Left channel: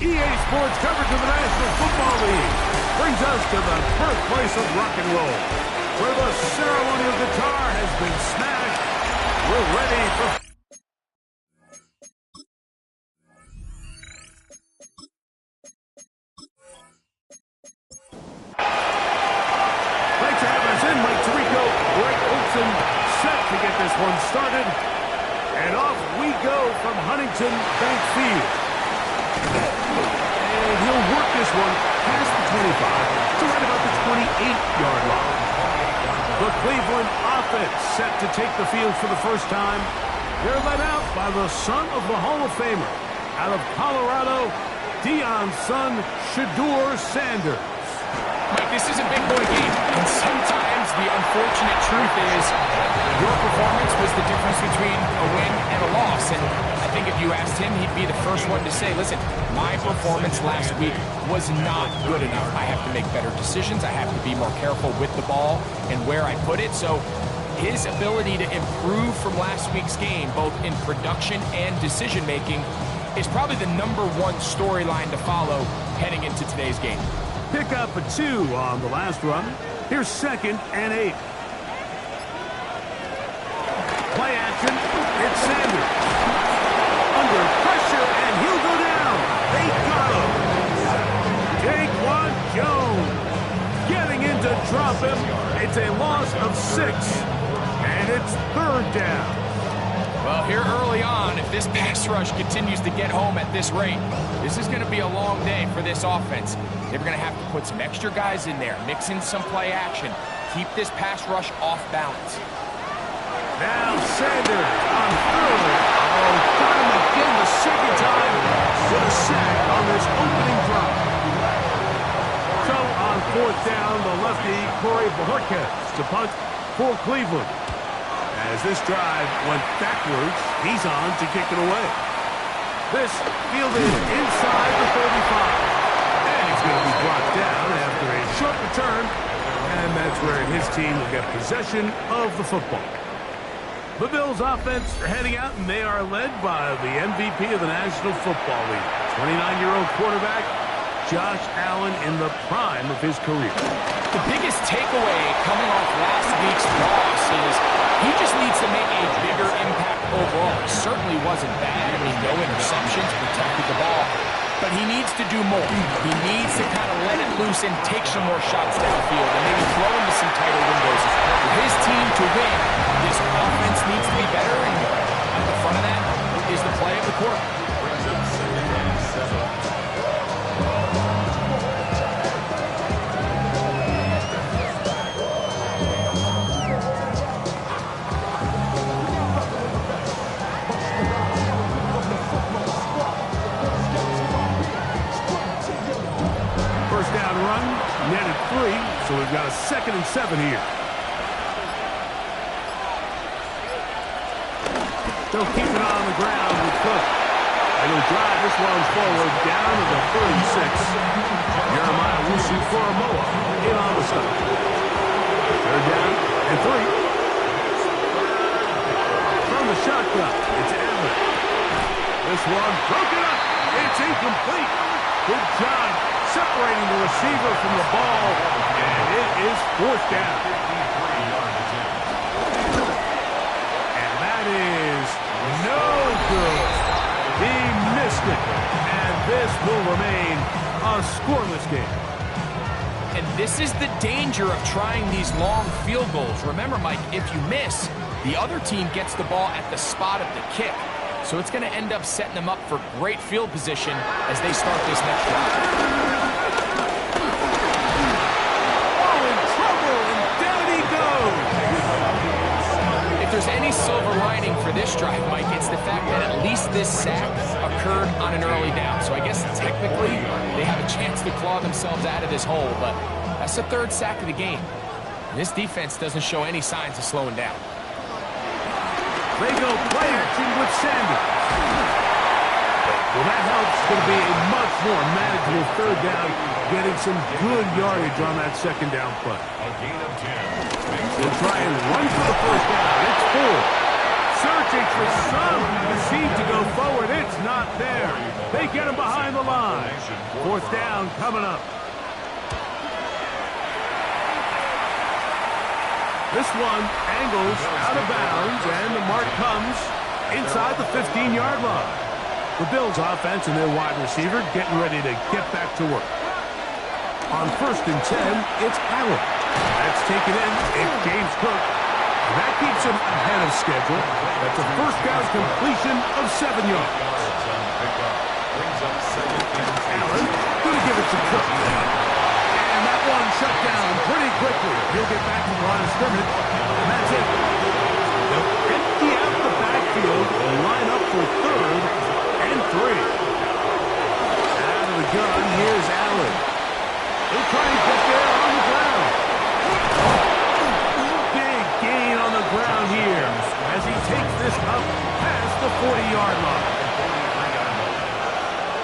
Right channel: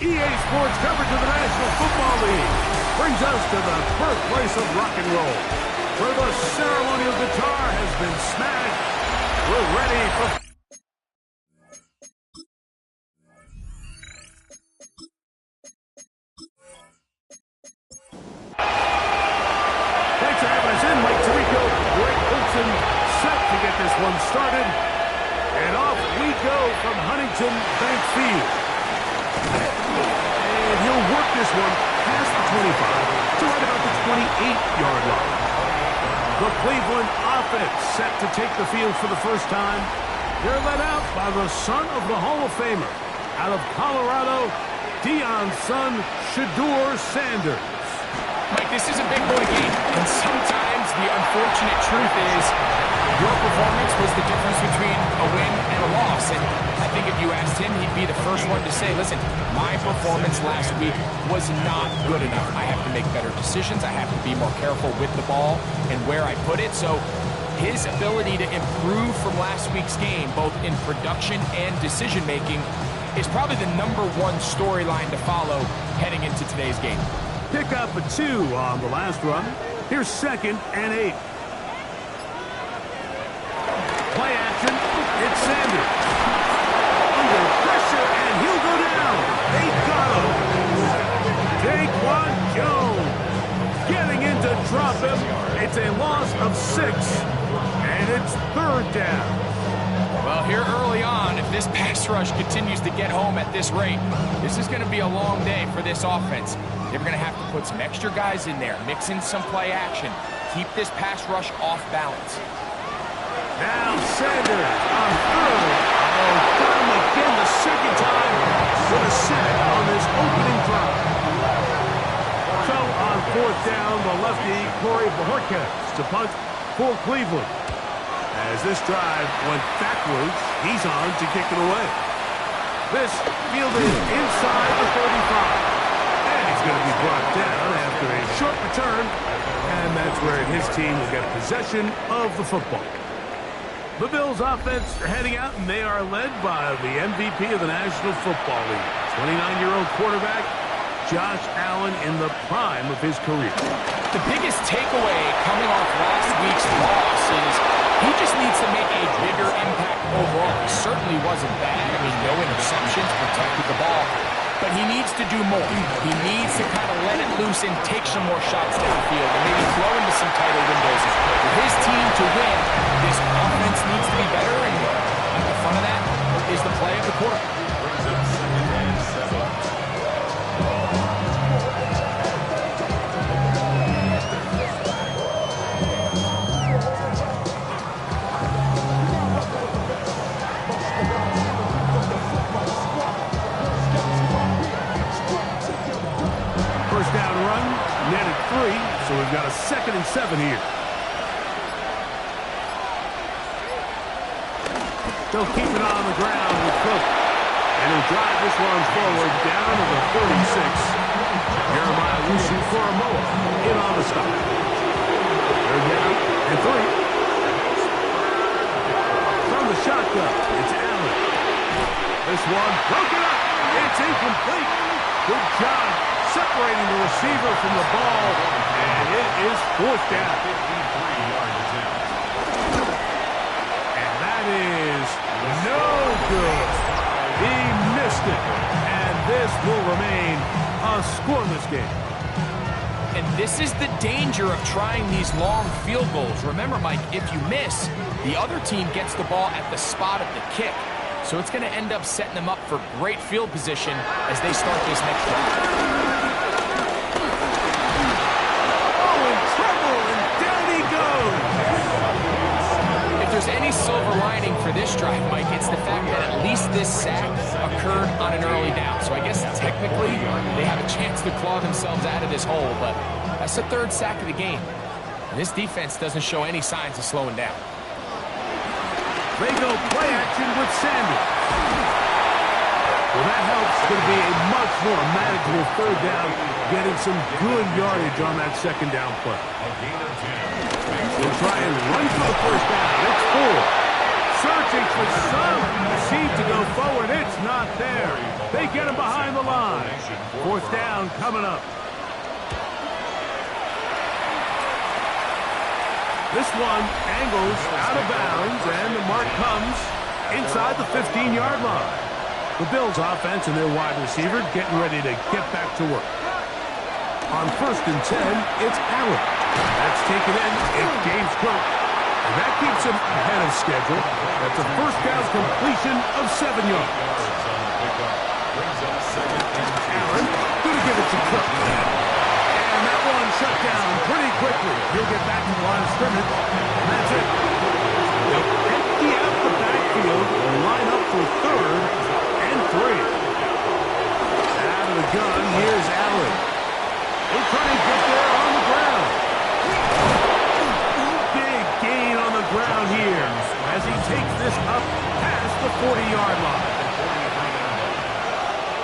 EA Sports coverage of the National Football League brings us to the birthplace of rock and roll, where the ceremonial guitar has been smashed. We're ready for... Thanks for having us in, Mike Tirico, Greg Olson, set to get this one started. And off we go from Huntington Bank Field. And he'll work this one past the 25 to right about the 28-yard line. The Cleveland offense set to take the field for the first time. They're led out by the son of the Hall of Famer. Out of Colorado, Deion's son, Shedeur Sanders. Mike, this is a big boy game, and sometimes the unfortunate truth is your performance was the difference between a win and a loss. And I think if you asked him, he'd be the first one to say, listen, my performance last week was not good enough. I have to make better decisions. I have to be more careful with the ball and where I put it. So his ability to improve from last week's game, both in production and decision-making, is probably the #1 storyline to follow heading into today's game. Pick up a 2 on the last run. Here's 2nd and 8. Play action. It's Sanders. Under pressure, and he'll go down. They got him. Daquan Jones getting in to drop him. It's a loss of 6, and it's 3rd down. Well, here early on, if this pass rush continues to get home at this rate, this is going to be a long day for this offense. They're going to have to put some extra guys in there, mix in some play action, keep this pass rush off balance. Now Sanders on 3rd. Oh, got him again the 2nd time with a sack on this opening drive. So on 4th down, the lefty Corey Bojorquez to punt for Cleveland. As this drive went backwards, he's on to kick it away. This fielded inside the 35. And he's going to be brought down after a short return. And that's where his team will get possession of the football. The Bills offense are heading out, and they are led by the MVP of the National Football League, 29-year-old quarterback Josh Allen in the prime of his career. The biggest takeaway coming off last week's loss is he just needs to make a bigger impact overall. He certainly wasn't bad. I mean, no interceptions, protected the ball. But he needs to do more. He needs to kind of let it loose and take some more shots downfield and maybe throw into some tighter windows. For his team to win, this offense needs to be better, and at the front of that is the play of the quarter. Brings up 2nd and 7. First down run, netted 3, so we've got a 2nd and 7 here. Still keeping it on the ground with Cook. And he'll drive this one forward down to the 36. Jeremiah Wusu-Koromoa in on the stop. 3rd down and 3. From the shotgun, it's Allen. This one broken up. It's incomplete. Good job separating the receiver from the ball, and it is 4th down. 53-yard attempt. And that is no good. He missed it, and this will remain a scoreless game. And this is the danger of trying these long field goals. Remember, Mike, if you miss, the other team gets the ball at the spot of the kick. So it's going to end up setting them up for great field position as they start this next drive. there's any silver lining for this drive, Mike, it's the fact that at least this sack occurred on an early down. So I guess technically they have a chance to claw themselves out of this hole, but that's the third sack of the game. And this defense doesn't show any signs of slowing down. They go play action with Sanders. Well, that helps. It's going to be a much more manageable third down, getting some good yardage on that second down play. A gain of 10. They'll try and run for the first down. It's 4. Searching for some seed to go forward. It's not there. They get him behind the line. Fourth down coming up. This one angles out of bounds, and the mark comes inside the 15-yard line. The Bills' offense and their wide receiver getting ready to get back to work. On 1st and 10, it's Allen. That's taken in. It's James Cook. And that keeps him ahead of schedule. That's a first down completion of 7 yards. Allen going to give it to Cook. And that one shut down pretty quickly. He'll get back to the line of scrimmage. And that's it. They'll empty out the backfield and line up for 3rd and 3. Out of the gun, here's Allen. He'll try and get there on the ground. Big gain on the ground here as he takes this up past the 40-yard line.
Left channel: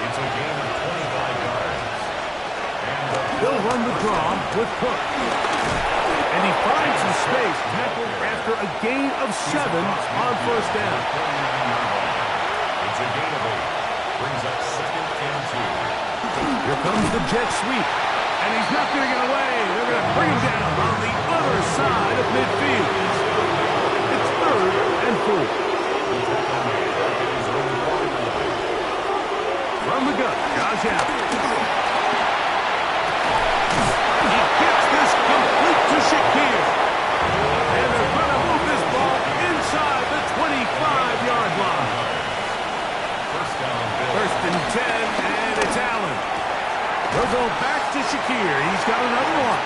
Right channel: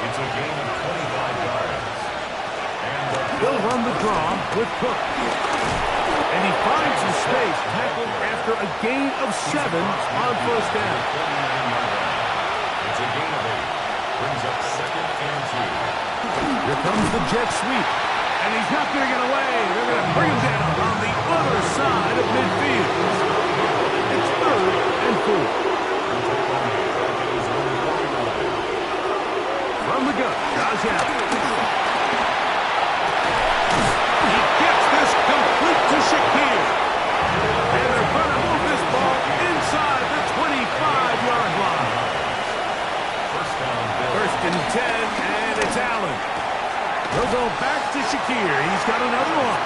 It's a gain of 25 yards. He'll run the draw with Cook. And he finds some space, tackled after a gain of 7 on first down. It's a gain of 8. Brings up 2nd and 2. Here comes the jet sweep. And he's not going to get away. They're going to bring him down on the other side of midfield. It's 3rd and 4. From the gun, Josh Allen. He gets this complete to Shakir. And they're going to move this ball inside the 25-yard line. First down, Bill. 1st and 10, and it's Allen. They'll go back to Shakir. He's got another one.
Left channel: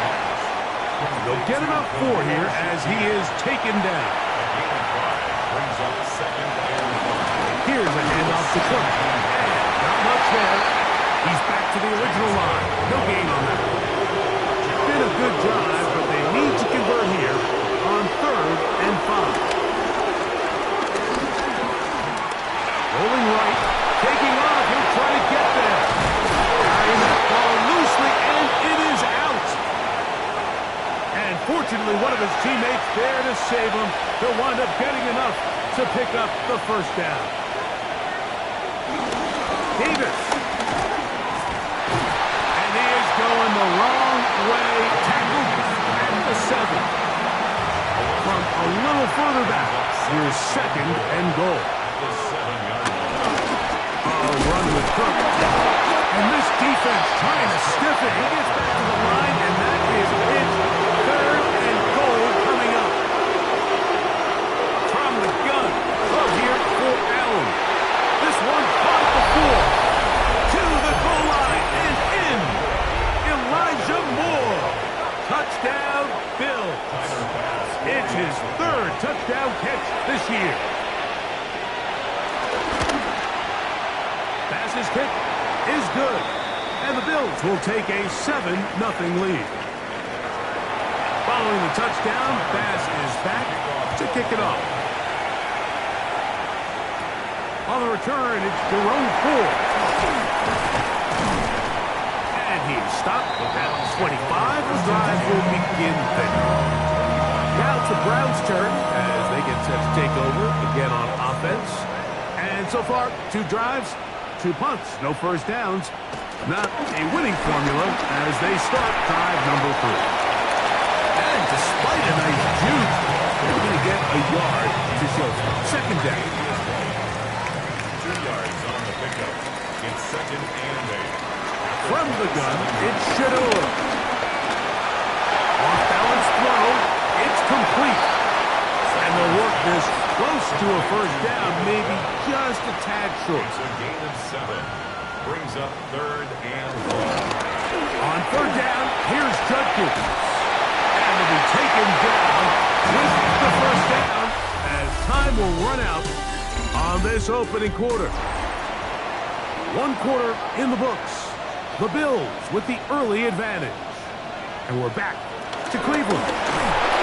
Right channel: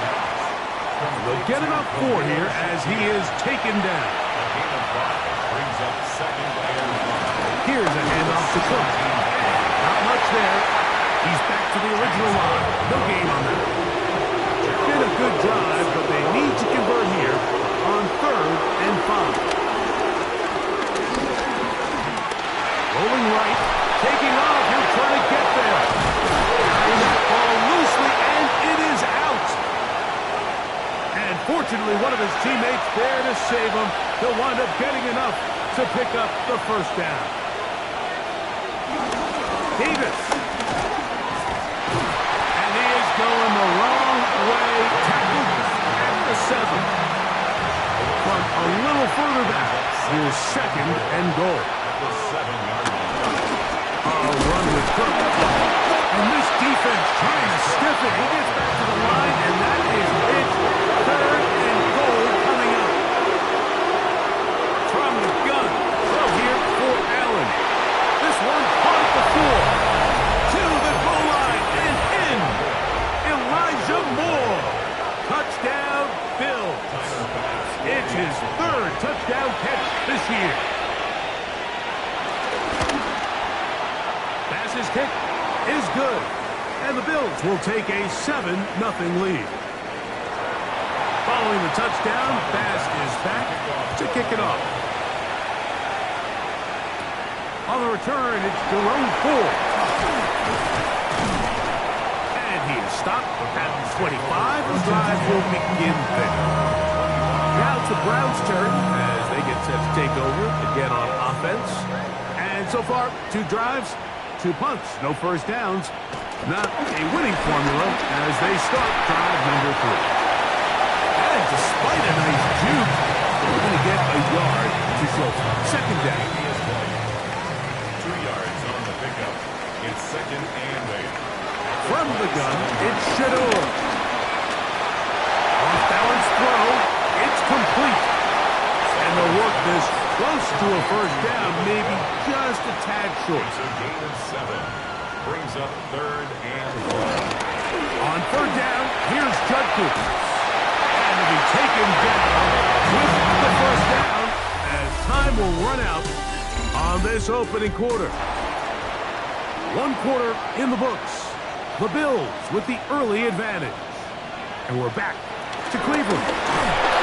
They'll get about 4 here as he is taken down. A gain of 5 brings up 2nd and 5. Here's a handoff to Cook. And not much there. He's back to the original line. No gain on that. Been a good drive, but they need to convert here on 3rd and 5. Rolling right, taking off. He'll try to get there. Carrying that ball loosely, and it is out. And fortunately, one of his teammates there to save him. He'll wind up getting enough to pick up the first down. Davis. And he is going the wrong way. Tackled at the 7. From a little further back, here's 2nd and goal. The 7-yard line. A run with Cook. And this defense trying to stiff it. He gets back to the line, and that is it. 3rd and goal coming up. From the gun. Throw here for Allen. This one caught before. To the goal line and in. Elijah Moore. Touchdown, Bill. It's his 3rd touchdown catch this year. Pass's kick is good. And the Bills will take a 7-0 lead. Following the touchdown, Bass is back to kick it off. On the return, it's Jerome Ford. And he is stopped at 25. The drive will begin there. Now it's the Browns' turn as they get set to take over again on offense. And so far, 2 drives, 2 punts, no first downs. Not a winning formula as they start drive number 3. And despite a nice juke, they're going to get a yard to show for 2nd down. 2 yards on the pickup. It's 2nd and 8. From the gun, it's Shador. Off-balance throw, it's complete. And they'll work this close to a first down, maybe just a tad short. It's a gain of 7. Brings up 3rd and 1. On 3rd down, here's Judkins. And to be taken down with the first down as time will run out on this opening quarter. One quarter in the books. The Bills with the early advantage. And we're back to Cleveland.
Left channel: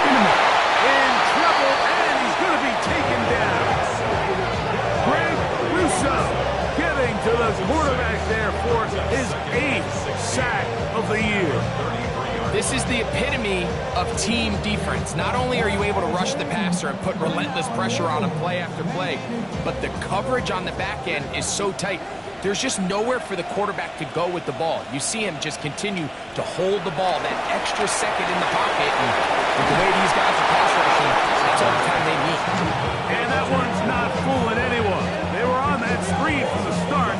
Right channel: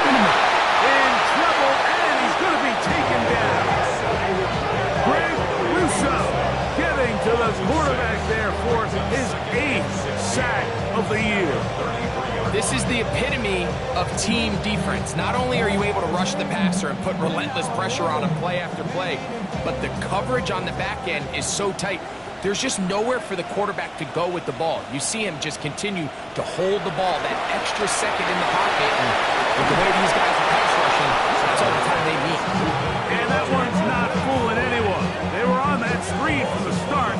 In trouble, and he's going to be taken down. Greg Russo getting to the quarterback there for his 8th sack of the year. This is the epitome of team defense. Not only are you able to rush the passer and put relentless pressure on him play after play, but the coverage on the back end is so tight. There's just nowhere for the quarterback to go with the ball. You see him just continue to hold the ball that extra second in the pocket, and with the way these guys are pass rushing, that's all the time they need. And that one's not fooling anyone. They were on that screen from the start,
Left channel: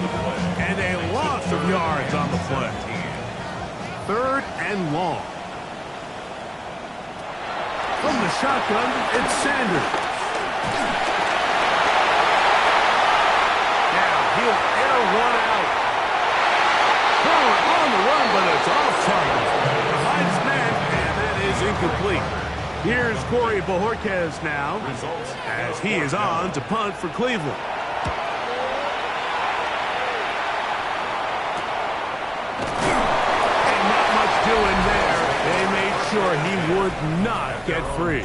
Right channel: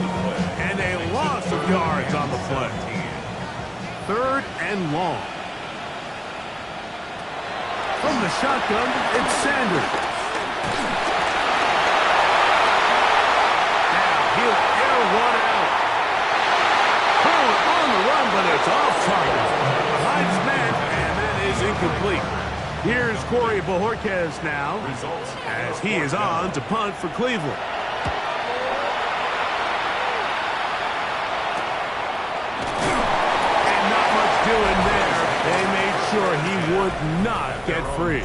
and a loss of yards on the play. 3rd and long. From the shotgun, it's Sanders. Now he'll air one out. Thrown on the run, but it's off target. Behind his man, and that is incomplete. Here's Corey Bojorquez now, as he is on to punt for Cleveland. And not much doing there. They made sure he would not get free.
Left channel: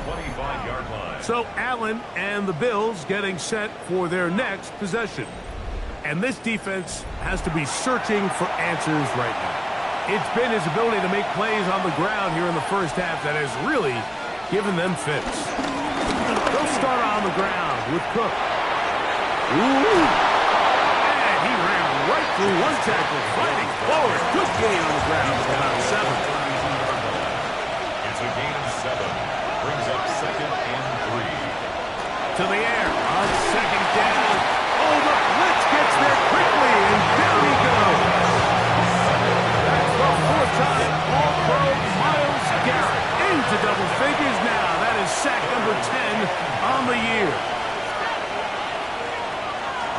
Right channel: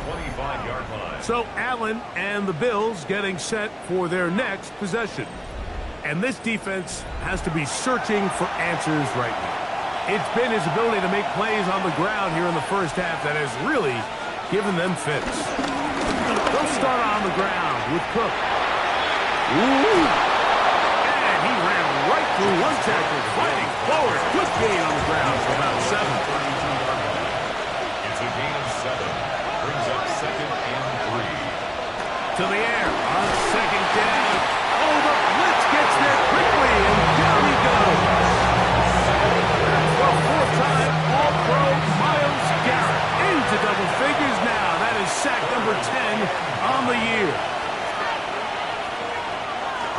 So Allen and the Bills getting set for their next possession. And this defense has to be searching for answers right now. It's been his ability to make plays on the ground here in the first half that has really given them fits. They'll start on the ground with Cook. Ooh! And he ran right through one tackle, fighting forward. Good gain on the ground for about 7. It's a gain of 7. Brings up 2nd and 3. To the air on 2nd down. Oh, the blitz gets there quickly, and down he goes. That's the 4th time All-Pro Myles Garrett into double figures now. That is sack number 10 on the year.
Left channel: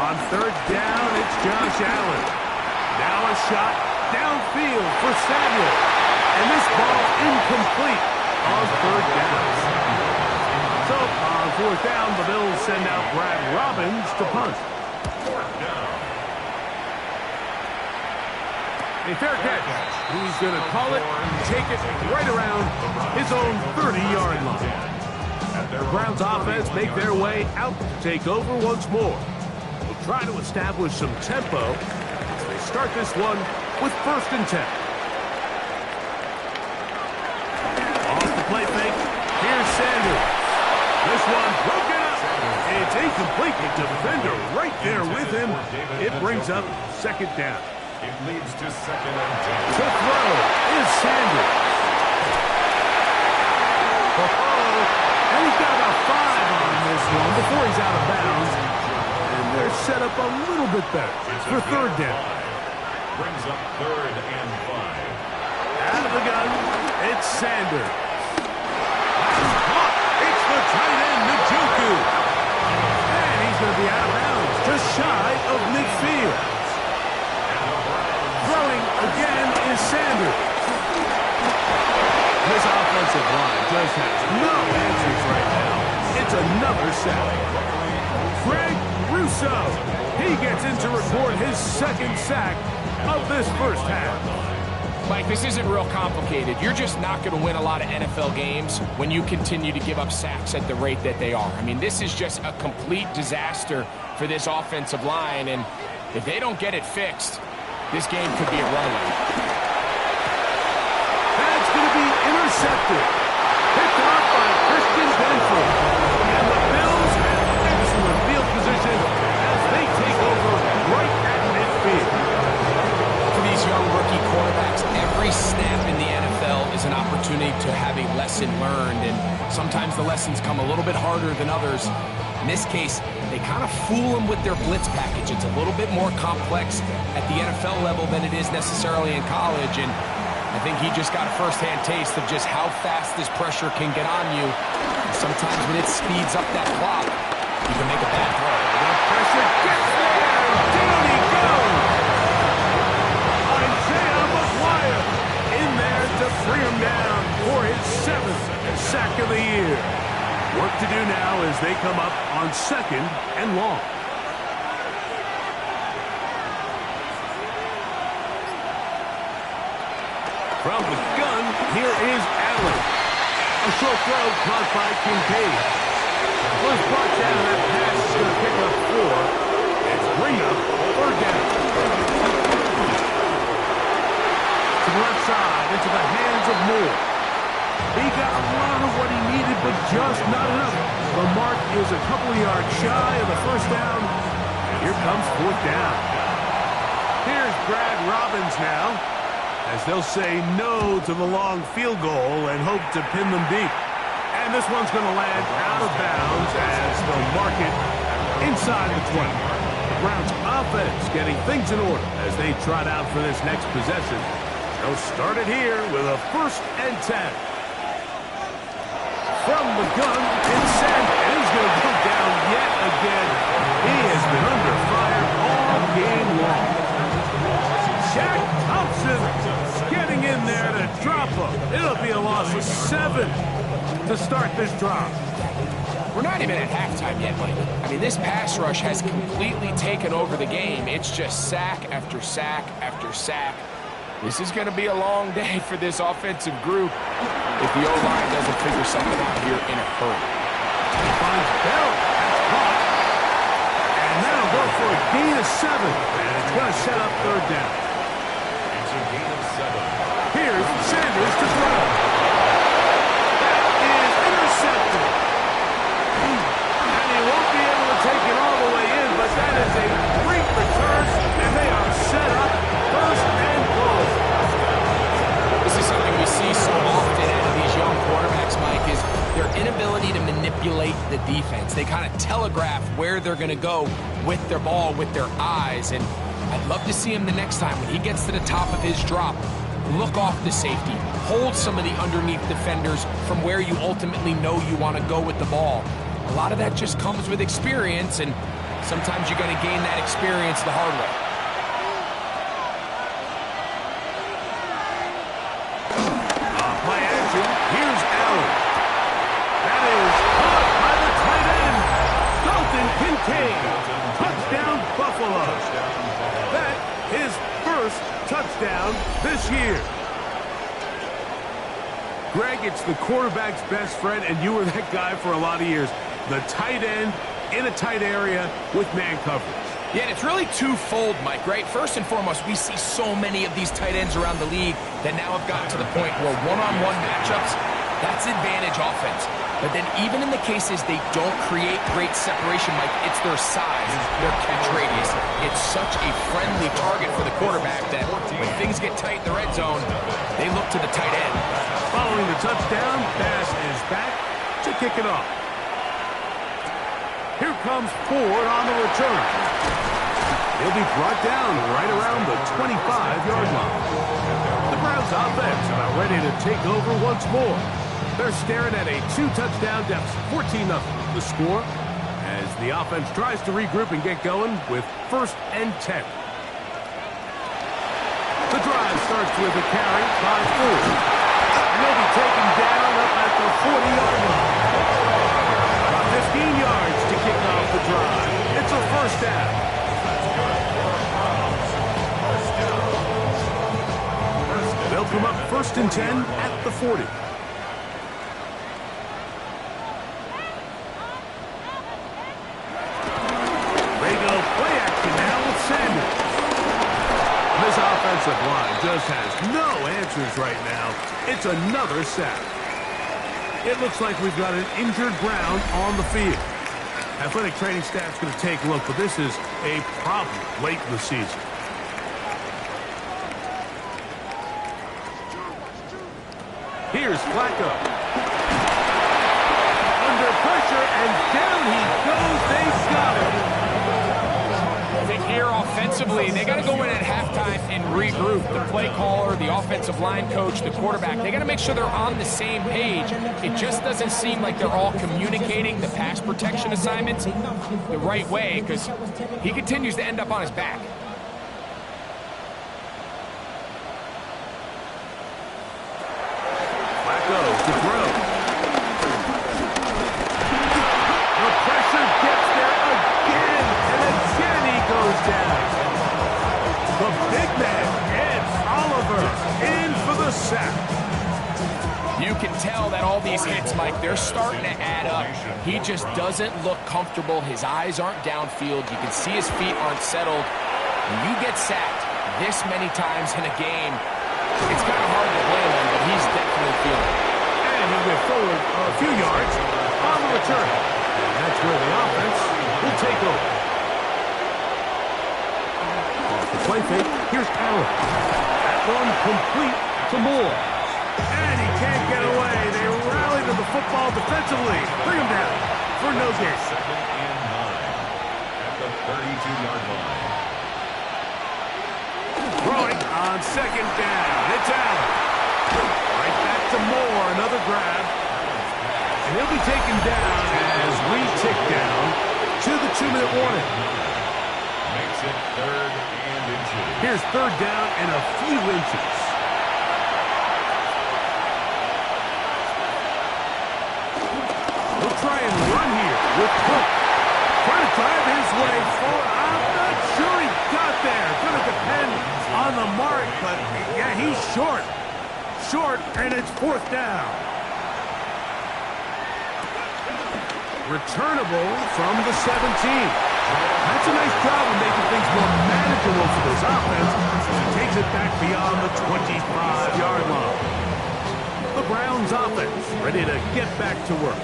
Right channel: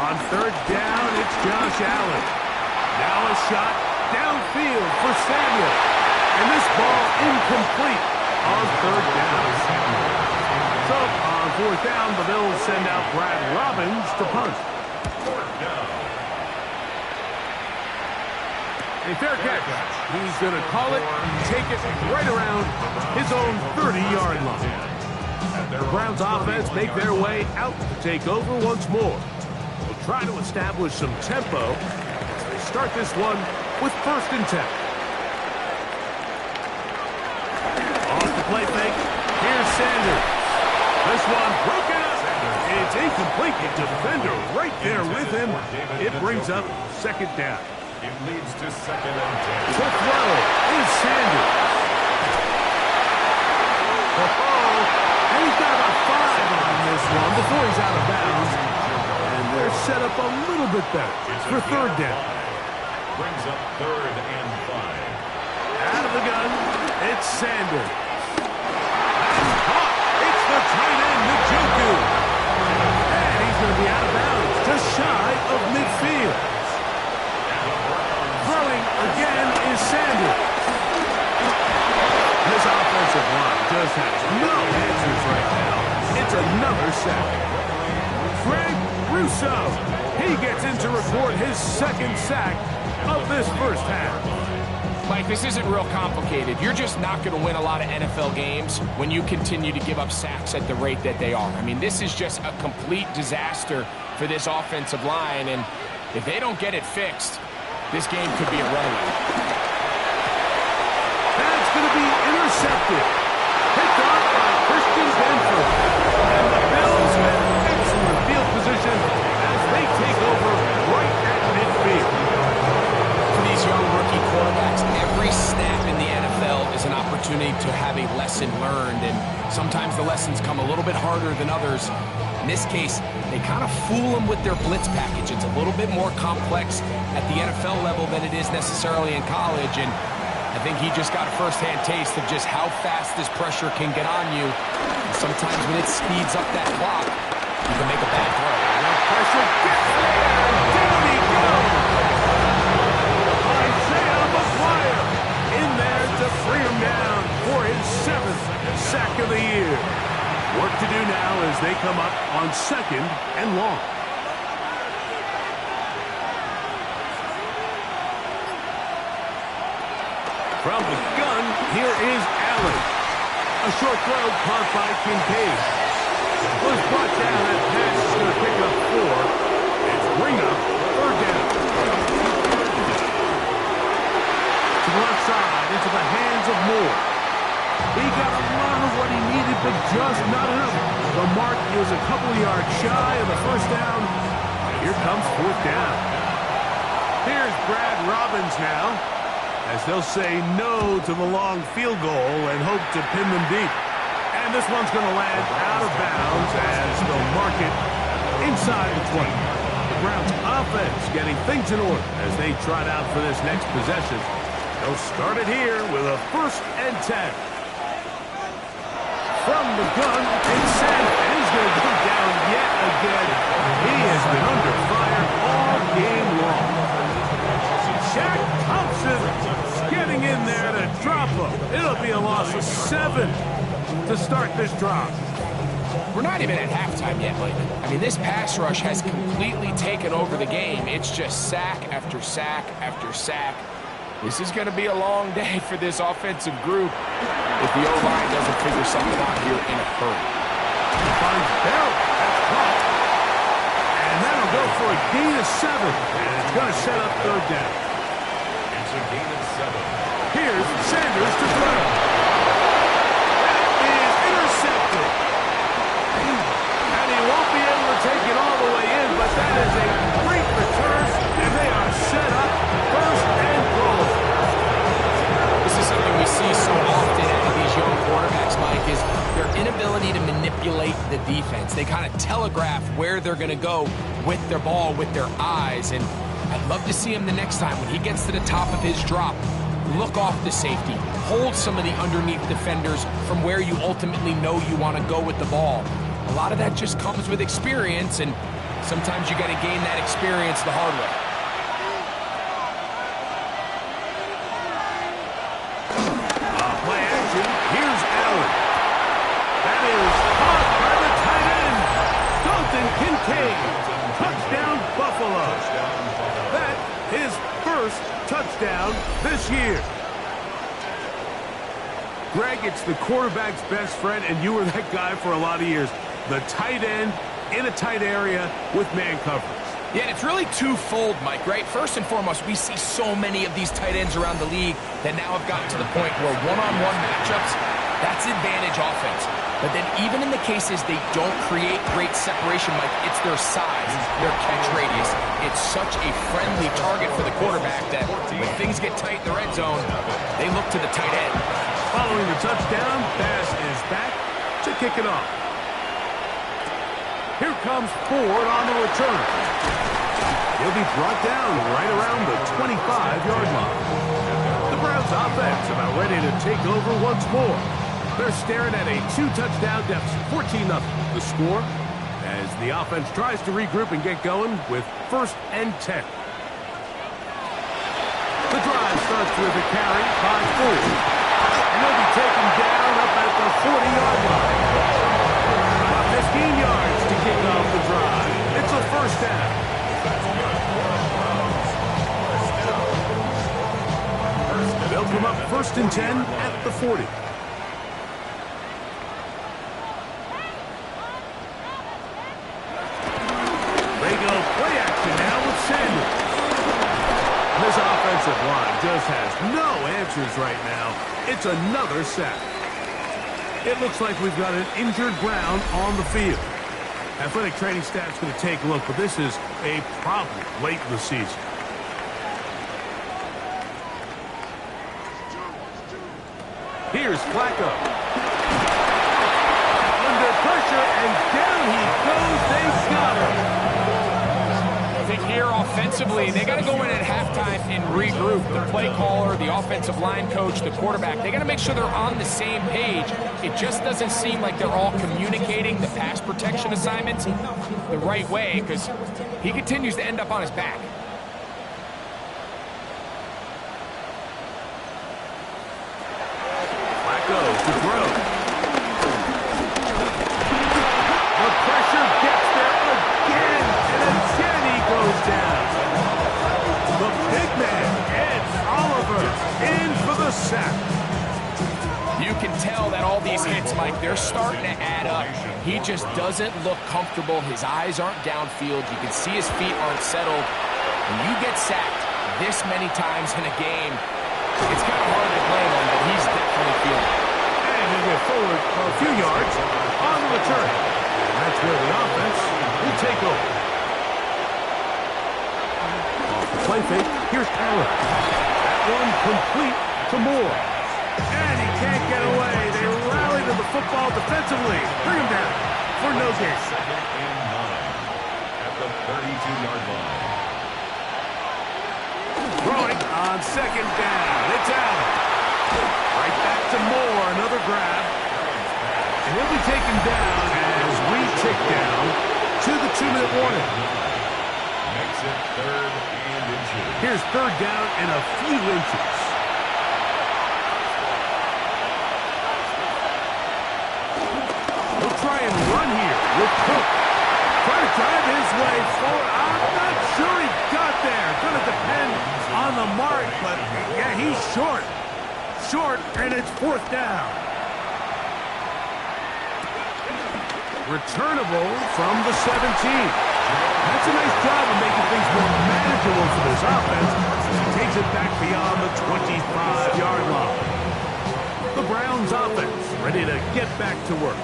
On 3rd down, it's Josh Allen. Now a shot downfield for Samuel. And this ball incomplete on 3rd down. So on 4th down, the Bills send out Brad Robbins to punt. 4th down. A fair catch. He's going to call it, take it right around his own 30-yard line. The Browns offense make their way out to take over once more. They'll try to establish some tempo as they start this one with 1st and 10. Off the play fake. Here's Sanders. This one broken up. It's incomplete. The defender right there with him. It brings up 2nd down. It leads to 2nd and 10. The throw is Sanders. And he's got about 5 on this one before he's out of bounds. And they're set up a little bit better for 3rd down. Brings up 3rd and 5. Out of the gun, it's Sanders. That's caught. It's the tight end, Njoku. And he's going to be out of bounds, just shy of midfield. Throwing again is Sanders. This offensive line just has no answers right now. It's another sack. Greg Russo. He gets in to record his 2nd sack of this first half. Mike, this isn't real complicated. You're just not going to win a lot of NFL games when you continue to give up sacks at the rate that they are. I mean, this is just a complete disaster for this offensive line, and if they don't get it fixed, this game could be a runaway. That's going to be intercepted. Picked off by Christian Benford. And the Bills have excellent field position as they take over right at midfield. For these young rookie quarterbacks, every snap in the NFL is an opportunity to have a lesson learned, and sometimes the lessons come a little bit harder than others. In this case, they kind of fool them with their blitz package. It's a little bit more complex at the NFL level than it is necessarily in college, and I think he just got a first-hand taste of just how fast this pressure can get on you. And sometimes when it speeds up that clock, you can make a bad throw. The pressure gets there, and down he goes. Isaiah McGuire in there to bring him down for his 7th sack of the year. Work to do now as they come up on 2nd and long. From the gun, here is Allen. A short throw caught by Kincaid. Was brought down. That pass is going to pick up 4. It's bring up 3rd down. To the left side, into the hands of Moore. He got a lot of what he needed, but just not enough. The mark is a couple of yards shy of the 1st down. Here comes 4th down. Here's Brad Robbins now, as they'll say no to the long field goal and hope to pin them deep. And this one's going to land out of bounds as they'll mark it inside the 20. The Browns offense getting things in order as they trot out for this next possession. They'll start it here with a 1st and 10. From the gun, it's sent, and he's going to go down yet again. He has been under fire all game long. Shaq Thompson getting in there to drop him. It'll be a loss of 7 to start this drive. We're not even at halftime yet, Mike. I mean, this pass rush has completely taken over the game. It's just sack after sack after sack. This is going to be a long day for this offensive group if the O-line doesn't figure something out here in a hurry. He finds Bell. That's caught. And that'll go for a gain of 7. And it's going to set up 3rd down. It's a gain of 7. Here's Sanders to throw. That is intercepted. And he won't be able to take it all the way in, but that is a great return, and they are set up 1st and goal. This is something we see so often out of these young quarterbacks, Mike, is their inability to manipulate the defense. They kind of telegraph where they're going to go with their ball, with their eyes, and I'd love to see him the next time when he gets to the top of his drop. Look off the safety. Hold some of the underneath defenders from where you ultimately know you want to go with the ball. A lot of that just comes with experience, and sometimes you got to gain that experience the hard way. Play action. Here's Allen. That is caught by the tight end, Dalton Kincaid. Touchdown, Buffalo. That his 1st touchdown this year. Greg, it's the quarterback's best friend, and you were that guy for a lot of years. The tight end in a tight area with man coverage. Yeah, and it's really twofold, Mike, right? First and foremost, we see so many of these tight ends around the league that now have gotten to the point where one-on-one matchups, that's advantage offense. But then even in the cases they don't create great separation, Mike, it's their size, their catch radius. It's such a friendly target for the quarterback that when things get tight in the red zone, they look to the tight end. Following the touchdown, Bass is back to kick it off. Here comes Ford on the return. He'll be brought down right around the 25-yard line. The Browns offense about ready to take over once more. They're staring at a 2-touchdown deficit, 14-0. The score as the offense tries to regroup and get going with 1st and 10. The drive starts with a carry by Ford. And they'll be taken down up at the 40-yard line. About 15 yards to kick off the drive. It's a 1st down. They'll come up 1st and 10 at the 40. They go play action now with Sanders. This offensive line just has no answers right now. It's another sack. It looks like we've got an injured Brown on the field. Athletic training staff's going to take a look, but this is a problem late in the season. Here's Flacco. Under pressure, and down he goes. They got him. I think here offensively, they got to go in at halftime and regroup. The play caller, the offensive line coach, the quarterback, they got to make sure they're on the same page. It just doesn't seem like they're all communicating the pass protection assignments the right way because he continues to end up on his back. Flacco to throw. Ed Oliver in for the sack. You can tell that all these hits, Mike, they're starting to add up. He just doesn't look comfortable. His eyes aren't downfield. You can see his feet aren't settled. When you get sacked this many times in a game, it's kind of hard to blame him, but he's definitely feeling it. And he'll get forward a few yards on the return. And that's where the offense will take over. Off the play fake, here's Allen. That one complete to Moore. And he can't get away. They rally to the football defensively. Bring him down for no gain. Second and 9 at the 32-yard line. Throwing on second down. It's Allen. Right back to Moore. Another grab. And he'll be taken down as we tick down to the 2-minute warning. Makes it 3rd and inches. Here's 3rd down and a few inches. He'll try and run here with Cook. Trying to drive his way forward. I'm not sure he got there. Going to depend on the mark, but yeah, he's short. Short, and it's 4th down. Returnable from the 17. That's a nice job of making things more manageable for this offense as he takes it back beyond the 25-yard line. The Browns offense ready to get back to work.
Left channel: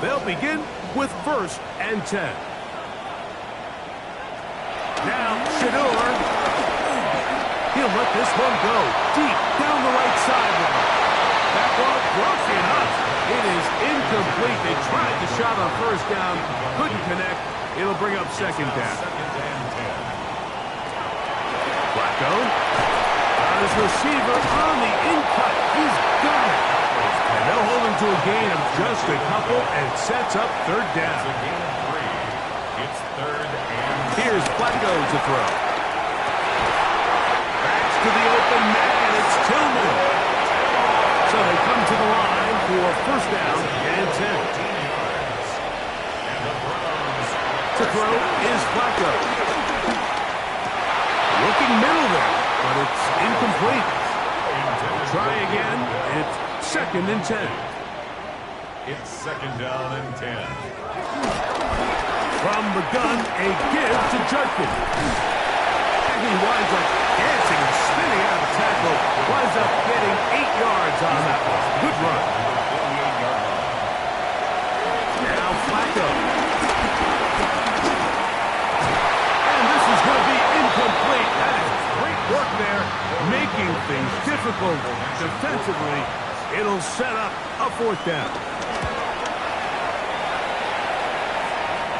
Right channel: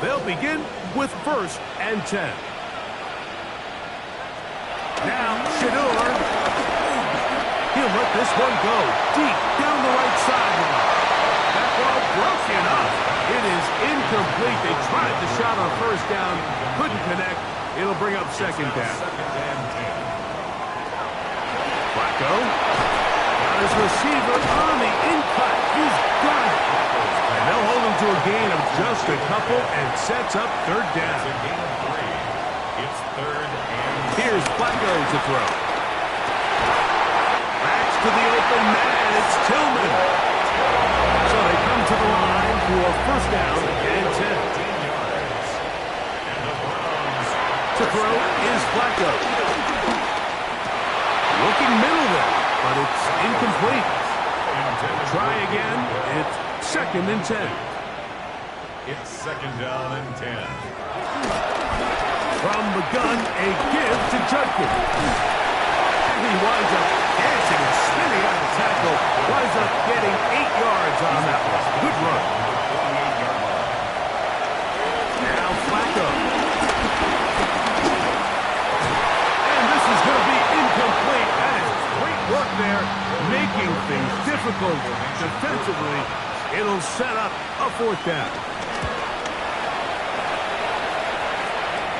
They'll begin with 1st and 10. Now, Shador. He'll let this one go deep down the right sideline. That ball broken up. It is incomplete. They tried the shot on 1st down. Couldn't connect. It'll bring up 2nd down. 2nd and 10. Flacco. Got his receiver on the in-cut. He's got it. And they'll hold him to a gain of just a couple and sets up 3rd down. It's a gain of 3. It's 3rd and 6. Here's Flacco to throw. Backs to the open man. It's Tillman. So they come to the line for 1st down and 10. 15 yards. And the Browns To throw is Flacco. Looking middle there, but it's incomplete. Try again. It's 2nd and 10. It's 2nd down and 10. From the gun, a give to Judkins. And he winds up dancing and spinning out of the tackle. Winds up getting 8 yards on that one. Good run. 48-yard line. Now Flacco. And this is going to be incomplete. That is great work there, making things difficult defensively. It'll set up a 4th down.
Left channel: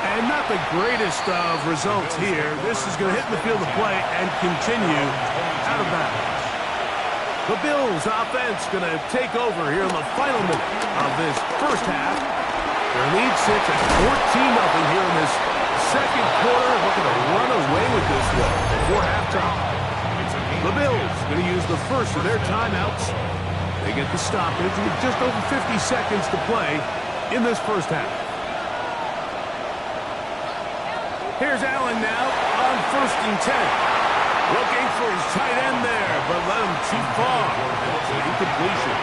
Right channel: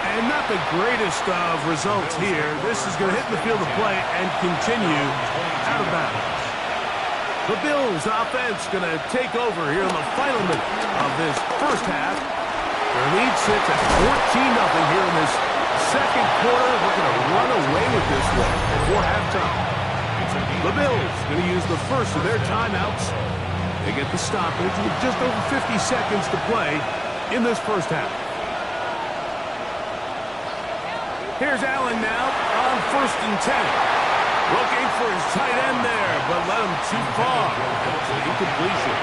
And not the greatest of results here. This is going to hit the field of play and continue out of bounds. The Bills offense going to take over here in the final minute of this 1st half. Their lead sits at 14-0 here in this 2nd quarter. Looking to run away with this one before halftime. The Bills going to use the first of their timeouts. They get the stoppage with just over 50 seconds to play in this 1st half. Here's Allen now on 1st and 10. Looking for his tight end there, but led him too far. It's an incompletion.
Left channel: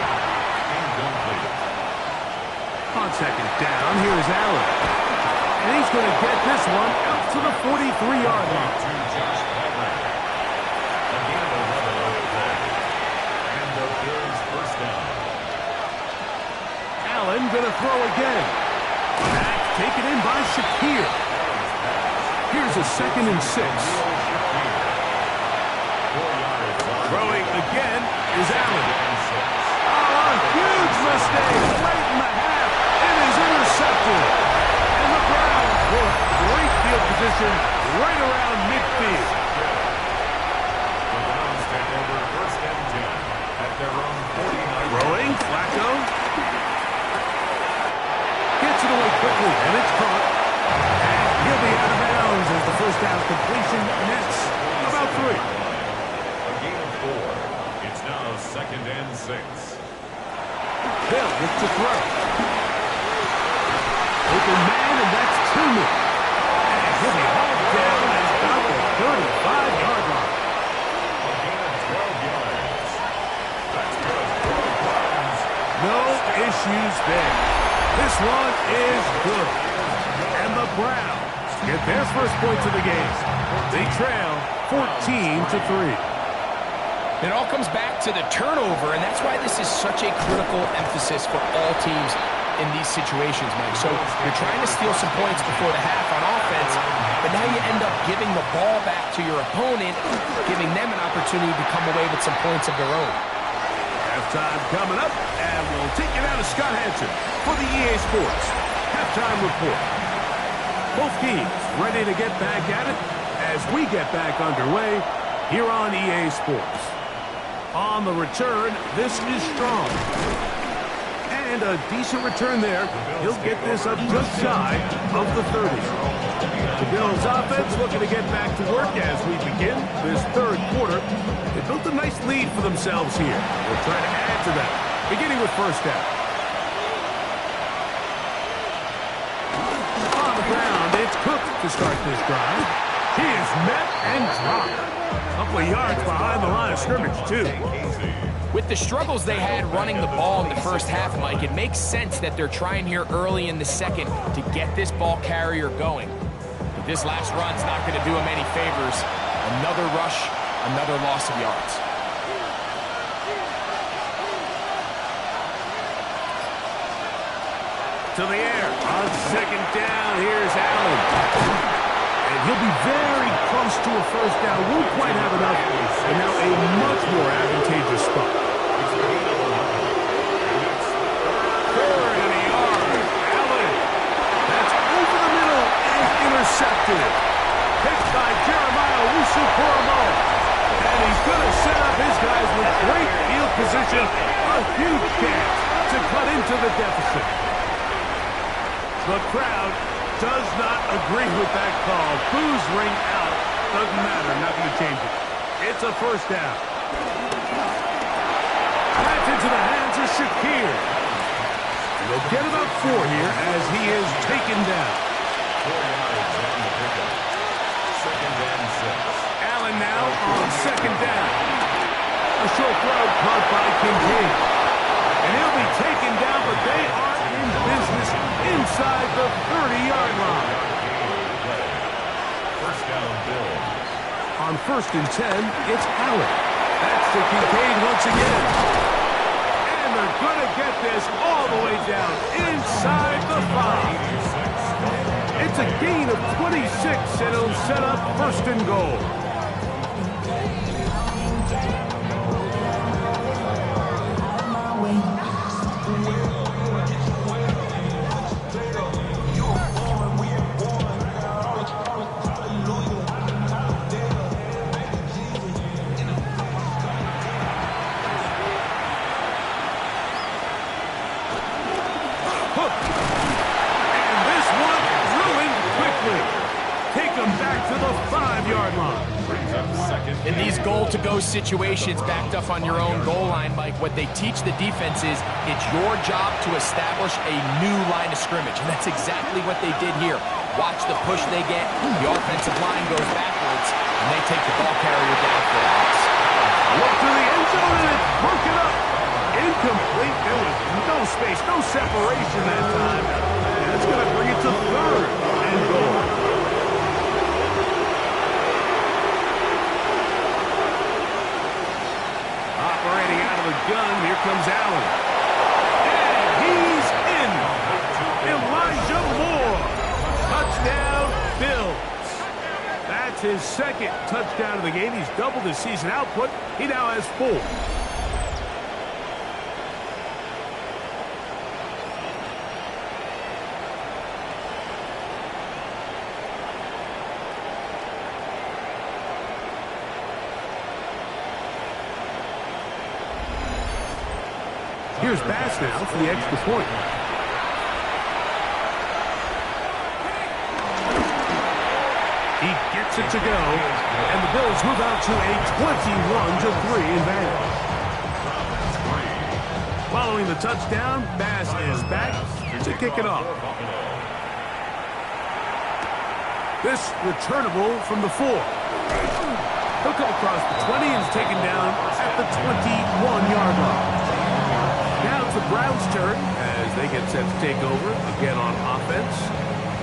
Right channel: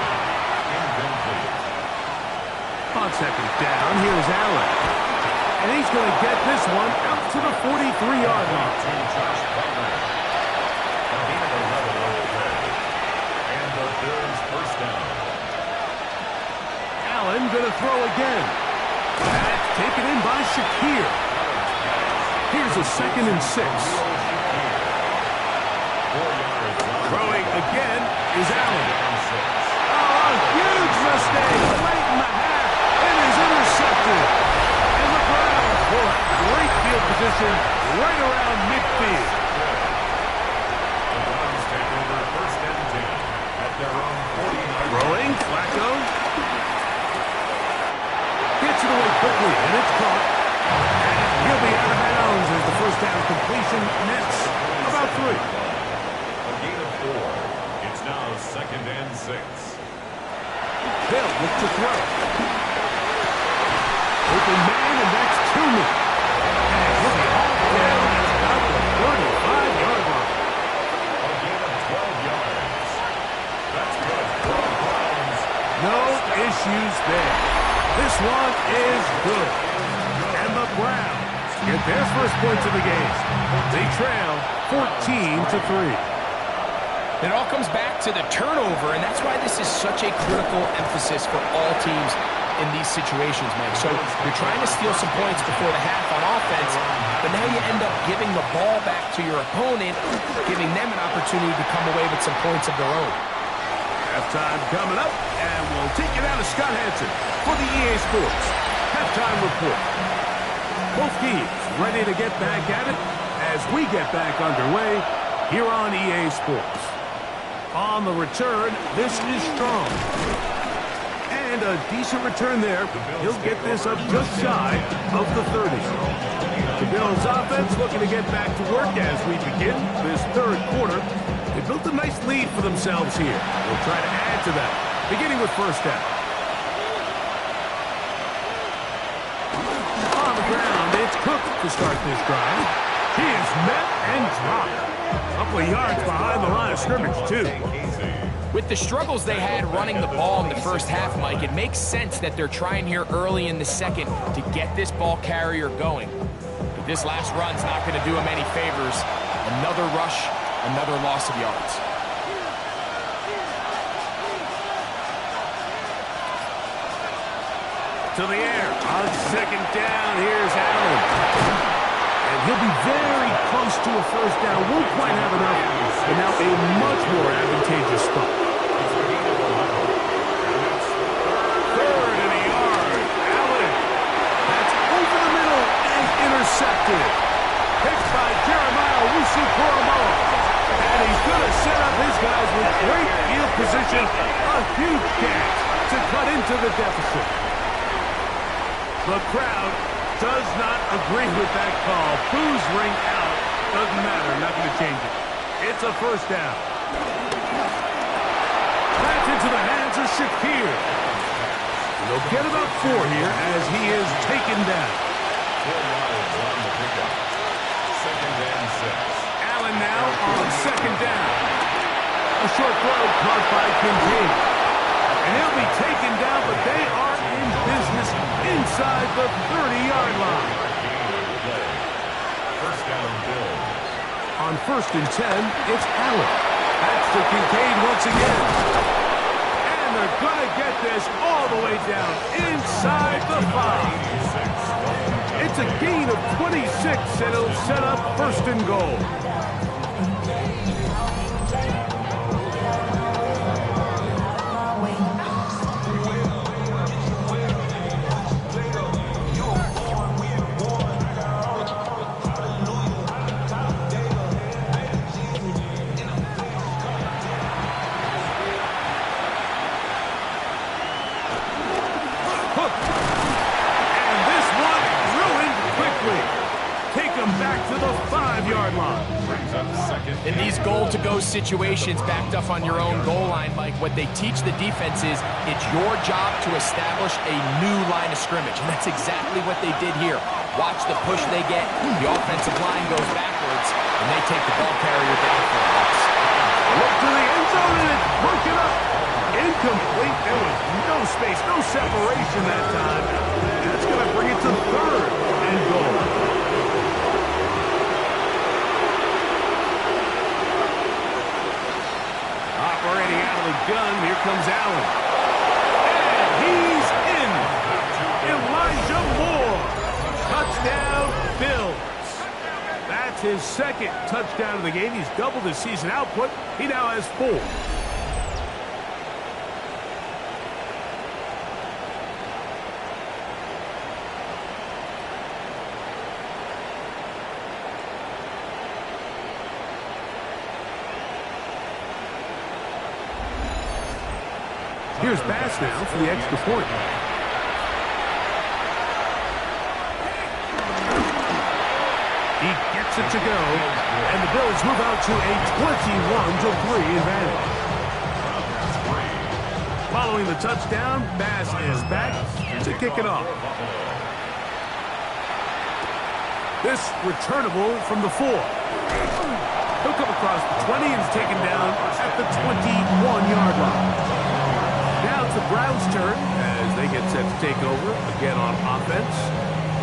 On 2nd down, here's Allen. And he's going to get this one out to the 43-yard line. A gain of 11 on the play. And the Bills 1st down. Allen going to throw again. That's taken in by Shakir. Here's a 2nd and 6. Throwing again is Allen. Oh, a huge mistake late in the half. It is intercepted. And the Browns will have great field position right around midfield. The Browns take over 1st and 10 at their own 49. Throwing, Flacco. Gets it away quickly, and it's caught. And he'll be out of bounds as the 1st down completion nets about 3. A gain of 4. It's now 2nd and 6. Hill with to throw. Open man, and that's Tillman. And he'll be hauled down at about the 35-yard line. A gain No issues there. This one is good. And the Browns get their first points of the game. They trail 14-3. It all comes back to the turnover, and that's why this is such a critical emphasis for all teams in these situations, Mike. So you're trying to steal some points before the half on offense, but now you end up giving the ball back to your opponent, giving them an opportunity to come away with some points of their own. Halftime coming up, and we'll take it out of Scott Hansen for the EA Sports Halftime Report. Both teams ready to get back at it as we get back underway here on EA Sports. On the return, this is strong. And a decent return there. He'll get this up just shy of the 30. The Bills offense looking to get back to work as we begin this third quarter. They built a nice lead for themselves here. We'll try to add to that, beginning with first down. On the ground, it's Cook to start this drive. He is met and dropped. A couple of yards behind the line of scrimmage, too. With the struggles they had running the ball in the first half, Mike, it makes sense that they're trying here early in the second to get this ball carrier going. But this last run's not going to do him any favors. Another rush, another loss of yards. To the air. On second down, here's Allen. And he'll be very close to a first down. Won't quite have enough, but now a much more advantageous spot. Third and a yard. Allen. That's over the middle and intercepted. Picked by Jeremiah Owusu-Koramoah. And he's going to set up his guys with great field position. A huge chance to cut into the deficit. The crowd does not agree with that call. Boos ring out. Doesn't matter. Not going to change it. It's a first down. That's into the hands of Shakir. They'll get about 4 here as he is taken down. 4 yards on the pickup. Second and 6. Allen now on second down. A short throw caught by Kincaid. And he'll be taken down, but they are in business inside the 30-yard line. First down, Bills. On first and 10, it's Allen. That's to Kincaid once again. And they're going to get this all the way down inside the 5. It's a gain of 26, and it'll set up first and goal. Back to the 5-yard line. Brings up second. In these goal-to-go situations backed up on your own goal line, Mike, what they teach the defense is it's your job to establish a new line of scrimmage, and that's exactly what they did here. Watch the push they get. The offensive line goes backwards, and they take the ball carrier down for a loss. Look to the end zone, and it's broken up. Incomplete. There was no space, no separation that time. That's going to bring it to third and goal. Operating out of the gun, here comes Allen. And he's in. Elijah Moore. Touchdown, Bills. That's his second touchdown of the game. He's doubled his season output. He now has 4. Here's Bass now for the extra point. He gets it to go, and the Bills move out to a 21-3 advantage. Following the touchdown, Bass is back to kick it off. This returnable from the 4. He'll come across the 20 and is taken down at the 21-yard line. Now it's the Browns' turn as they get set to take over again on offense.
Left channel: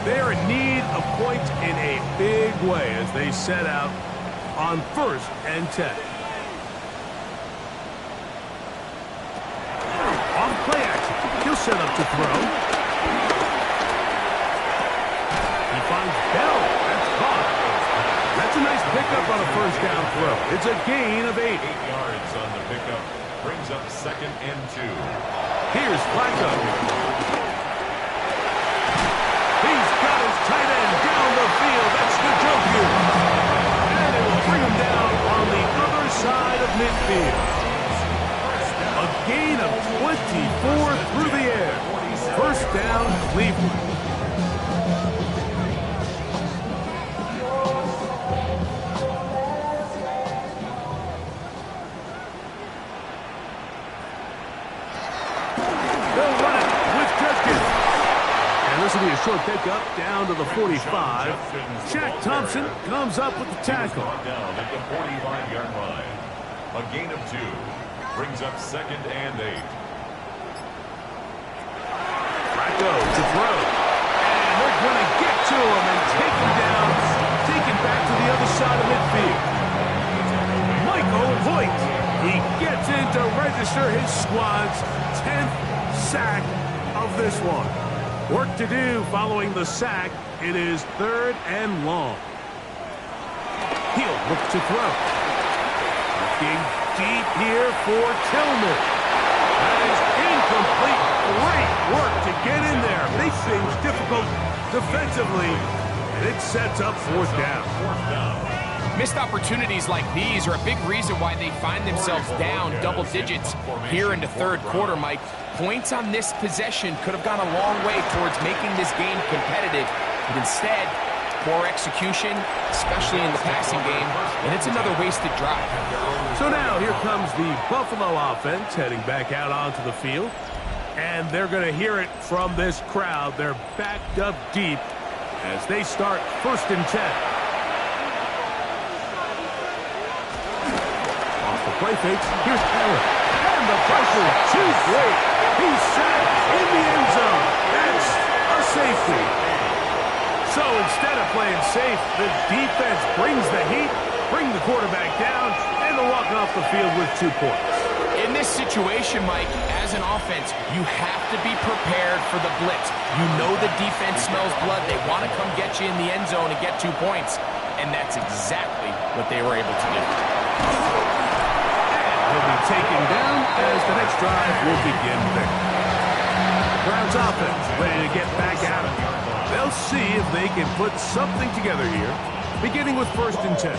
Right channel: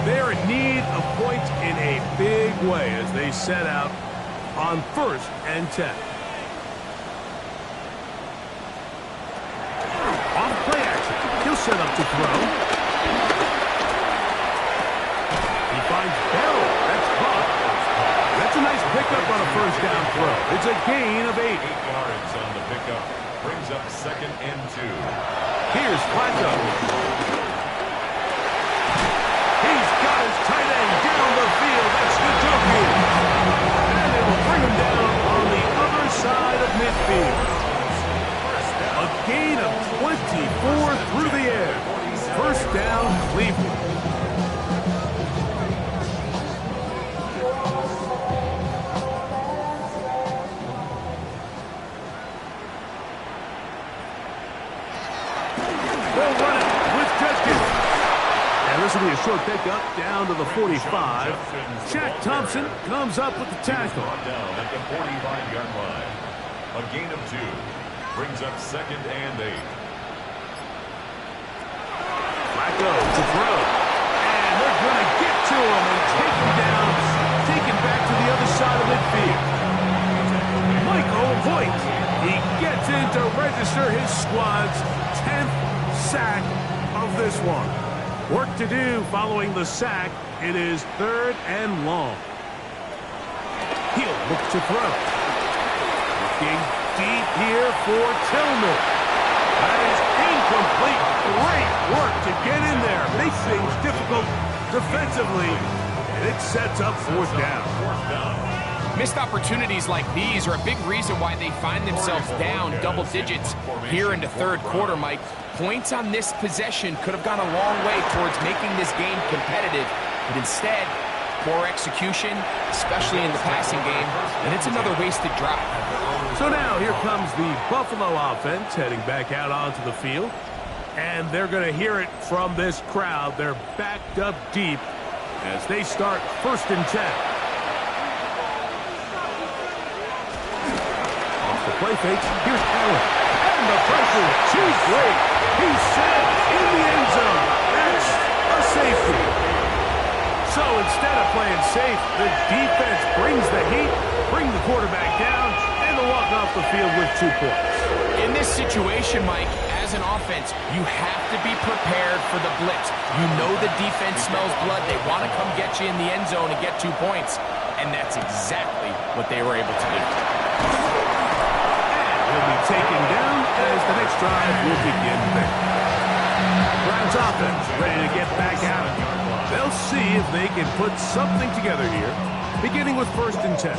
They're in need of points in a big way as they set out on 1st and 10. Off play action. He'll set up to throw. He finds Bell. That's caught. That's a nice pickup on a 1st down throw. It's a gain of 8. 8 yards on the pickup. Brings up 2nd and 2. Here's Flacco. He's got his tight end down the field. That's Njoku. And it will bring him down on the other side of midfield. A gain of 24 through the air. 1st down, Cleveland. They'll run it with Judkins. And this will be a short pickup down to the 45. Shaq Thompson comes up with the tackle. Down at the 45-yard line. A gain of 2. Brings up 2nd and 8. Flacco to throw. And they're going to get to him and take him down. Take it back to the other side of midfield. Michael Hoyt. He gets in to register his squad's 10th sack of this one. Work to do following the sack. It is 3rd and long. He'll look to throw. Looking deep here for Tillman. That is incomplete. Great work to get in there. Makes things difficult defensively. And it sets up 4th down. Missed opportunities like these are a big reason why they find themselves down double digits here in the 3rd quarter, Mike. Points on this possession could have gone a long way towards making this game competitive, but instead, poor execution, especially in the passing game, and it's another wasted drive. So now here comes the Buffalo offense heading back out onto the field, and they're going to hear it from this crowd. They're backed up deep as they start 1st and 10. Off the play fake, here's Allen. And the pressure too great. He's set in the end zone. That's a safety. So instead of playing safe, the defense brings the heat, bring the quarterback down, and they'll walk off the field with 2 points. In this situation, Mike, as an offense, you have to be prepared for the blitz. You know the defense smells blood. They want to come get you in the end zone and get 2 points. And that's exactly what they were able to do. He'll be taken down as the next drive will begin there. Browns offense ready to get back at it. They'll see if they can put something together here, beginning with 1st and 10.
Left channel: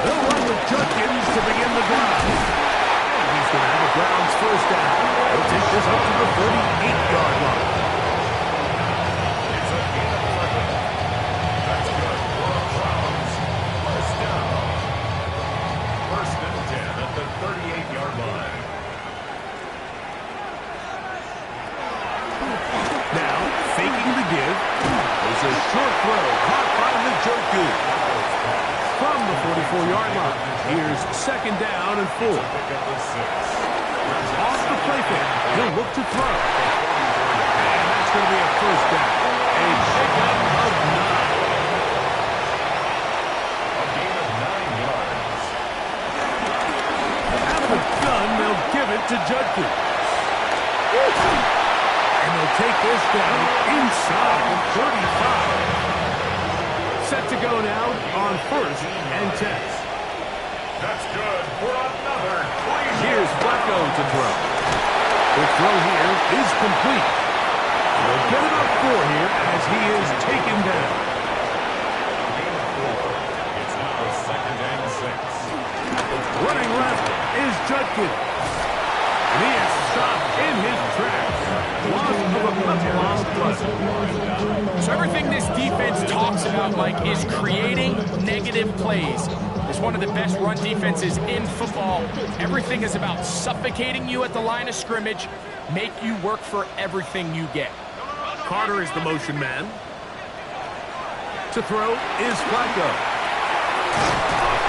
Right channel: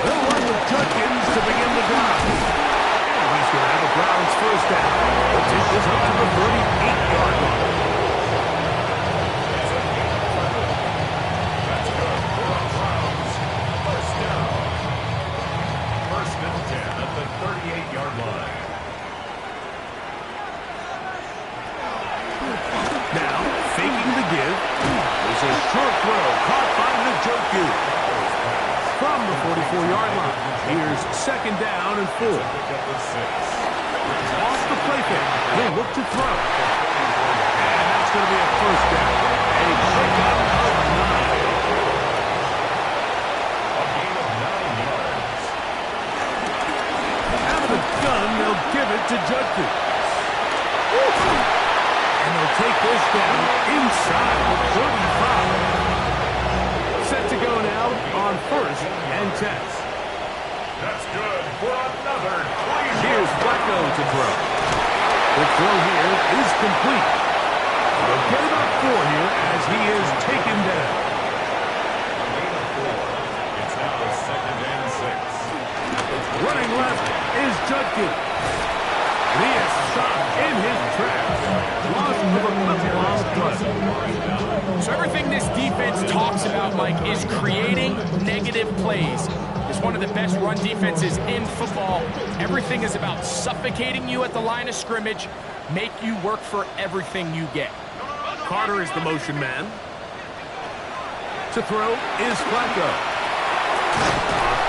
They'll run with Judkins to begin the drive. And he's going to have a Browns 1st down. He'll take this up to the 38-yard line. At the 38-yard line. Now, faking the give. There's a short throw caught by Njoku. From the 44-yard line, here's 2nd down and 4. Off the play fake, he'll look to throw. And that's going to be a 1st down. A pickup of 9. A gain of 9 yards. Out of the gun, they'll give it to Judkins. And they'll take this down inside the 35. Set to go now on 1st and 10. That's good for another Cleveland. Here's Flacco to throw. The throw here is complete. And they'll get about 4 here as he is taken down. A gain of 4. It's now 2nd and 6. Running left is Judkins. And he is stopped in his tracks. Loss of a couple on the play. So everything this defense talks about, Mike, is creating negative plays. It's one of the best run defenses in football. Everything is about suffocating you at the line of scrimmage, make you work for everything you get. Carter is the motion man. To To throw is Flacco. A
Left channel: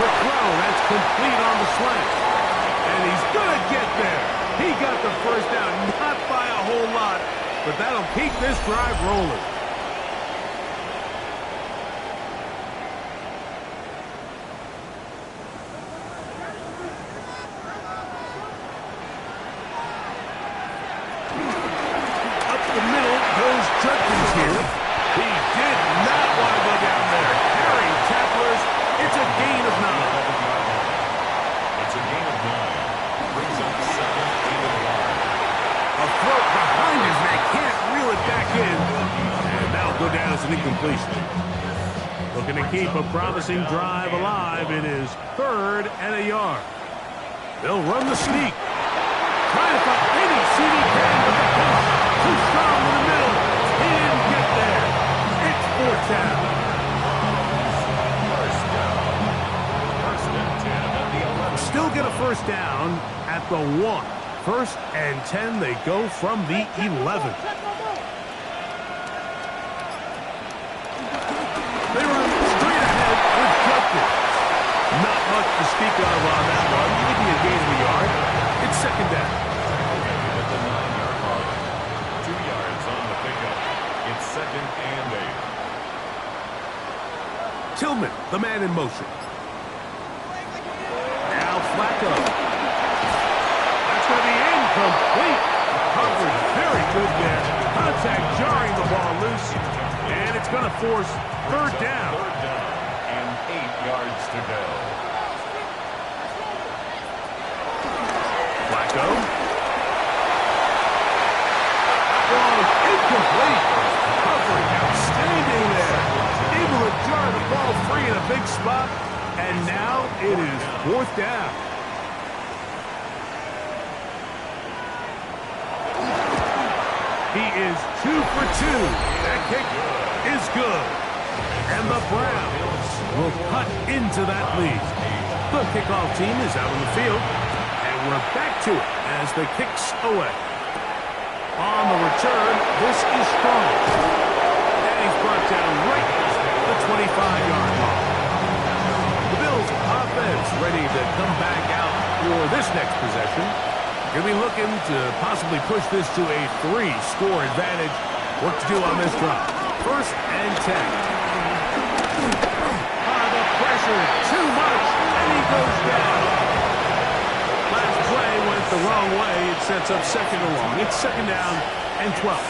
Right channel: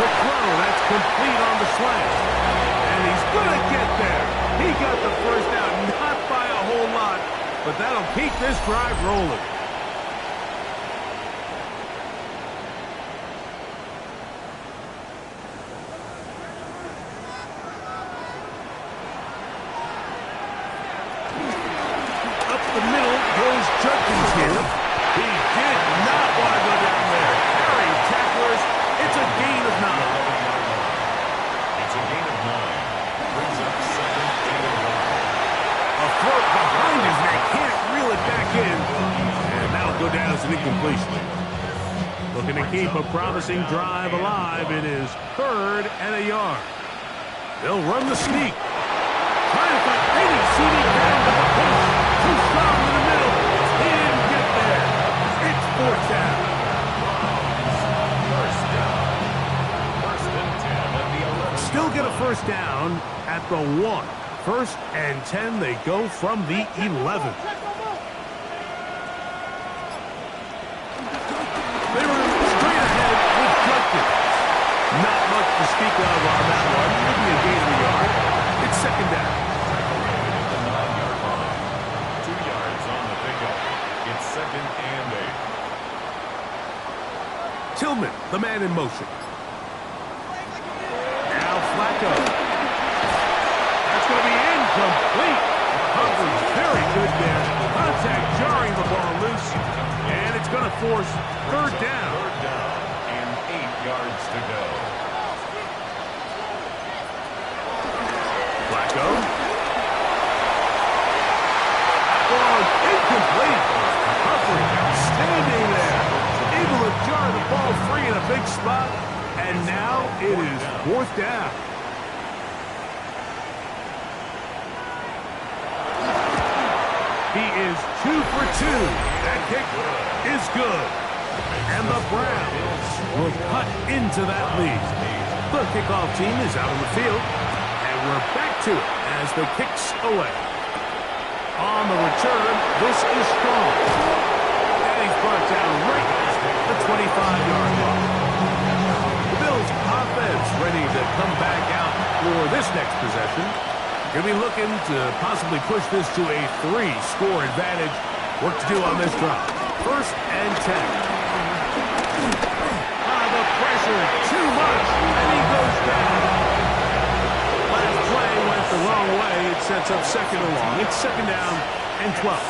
quick throw, that's complete on the slant. And he's going to get there. He got the first down, not by a whole lot, but that'll keep this drive rolling. Up the middle goes Judkins here. He did not want to go down there. Carrying tacklers, it's a gain of 9. It's a gain of 9. Brings up second and 1. A throw behind his neck, can't reel it back in. And that'll go down as an incompletion. Looking to keep a promising drive alive. It is 3rd and a yard. They'll run the sneak. Trying to find any seam he can, but the push too strong in the middle. He didn't get there. It's 4th down. First down. 1st and 10 at the 11. Still get a first down at the 1. 1st and 10, they go from the 11. They run straight ahead with Judkins. Not much to speak of on that one. Maybe a gain of a yard. It's 2nd down. At the 9-yard line. 2 yards on the pickup. It's 2nd and 8. Tillman, the man in motion. Now Flacco. That's going to be incomplete. Coverage very good there. Contact jarring the ball loose. And it's going to force 3rd down. 3rd down and 8 yards to go. Flacco. That one incomplete. Coverage outstanding there. Able to jar the ball free in a big spot. And now it is 4th down. He is 2 for 2. That kick is good. And the Browns will cut into that lead. The kickoff team is out on the field. And we're back to it as the kick's away. On the return, this is strong. And he's brought down right at the 25-yard line. The Bills offense ready to come back out for this next possession. Going to be looking to possibly push this to a 3-score advantage. What to do on this drive? 1st and 10. The pressure, too much, and he goes down. Last play went the wrong way. It sets up 2nd and long. It's 2nd down and 12.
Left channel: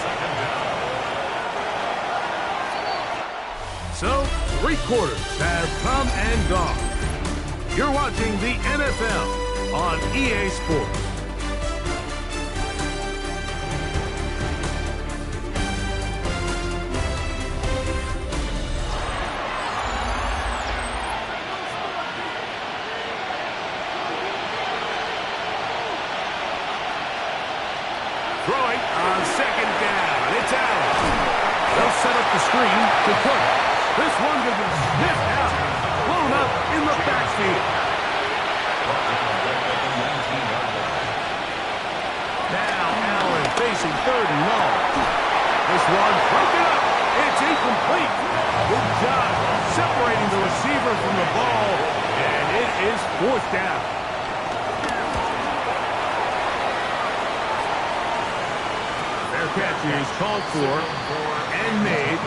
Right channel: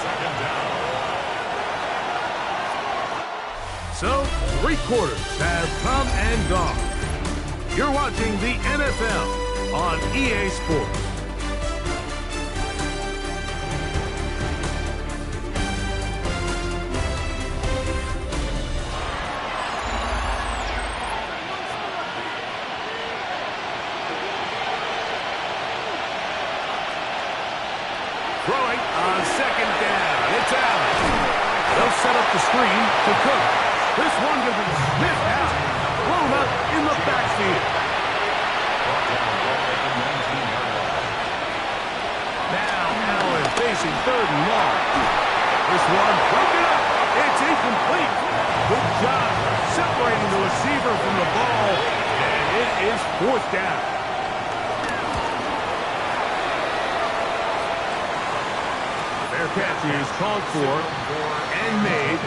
So, 3 quarters have come and gone. You're watching the NFL on EA Sports. Throwing on 2nd down. It's Allen. They'll set up the screen to Cook. This one going to be sniffed out. Blown up in the backfield. Now Allen facing 3rd and long. This one broken up. It's incomplete. Good job separating the receiver from the ball. And it is 4th down. Their catch is called for and made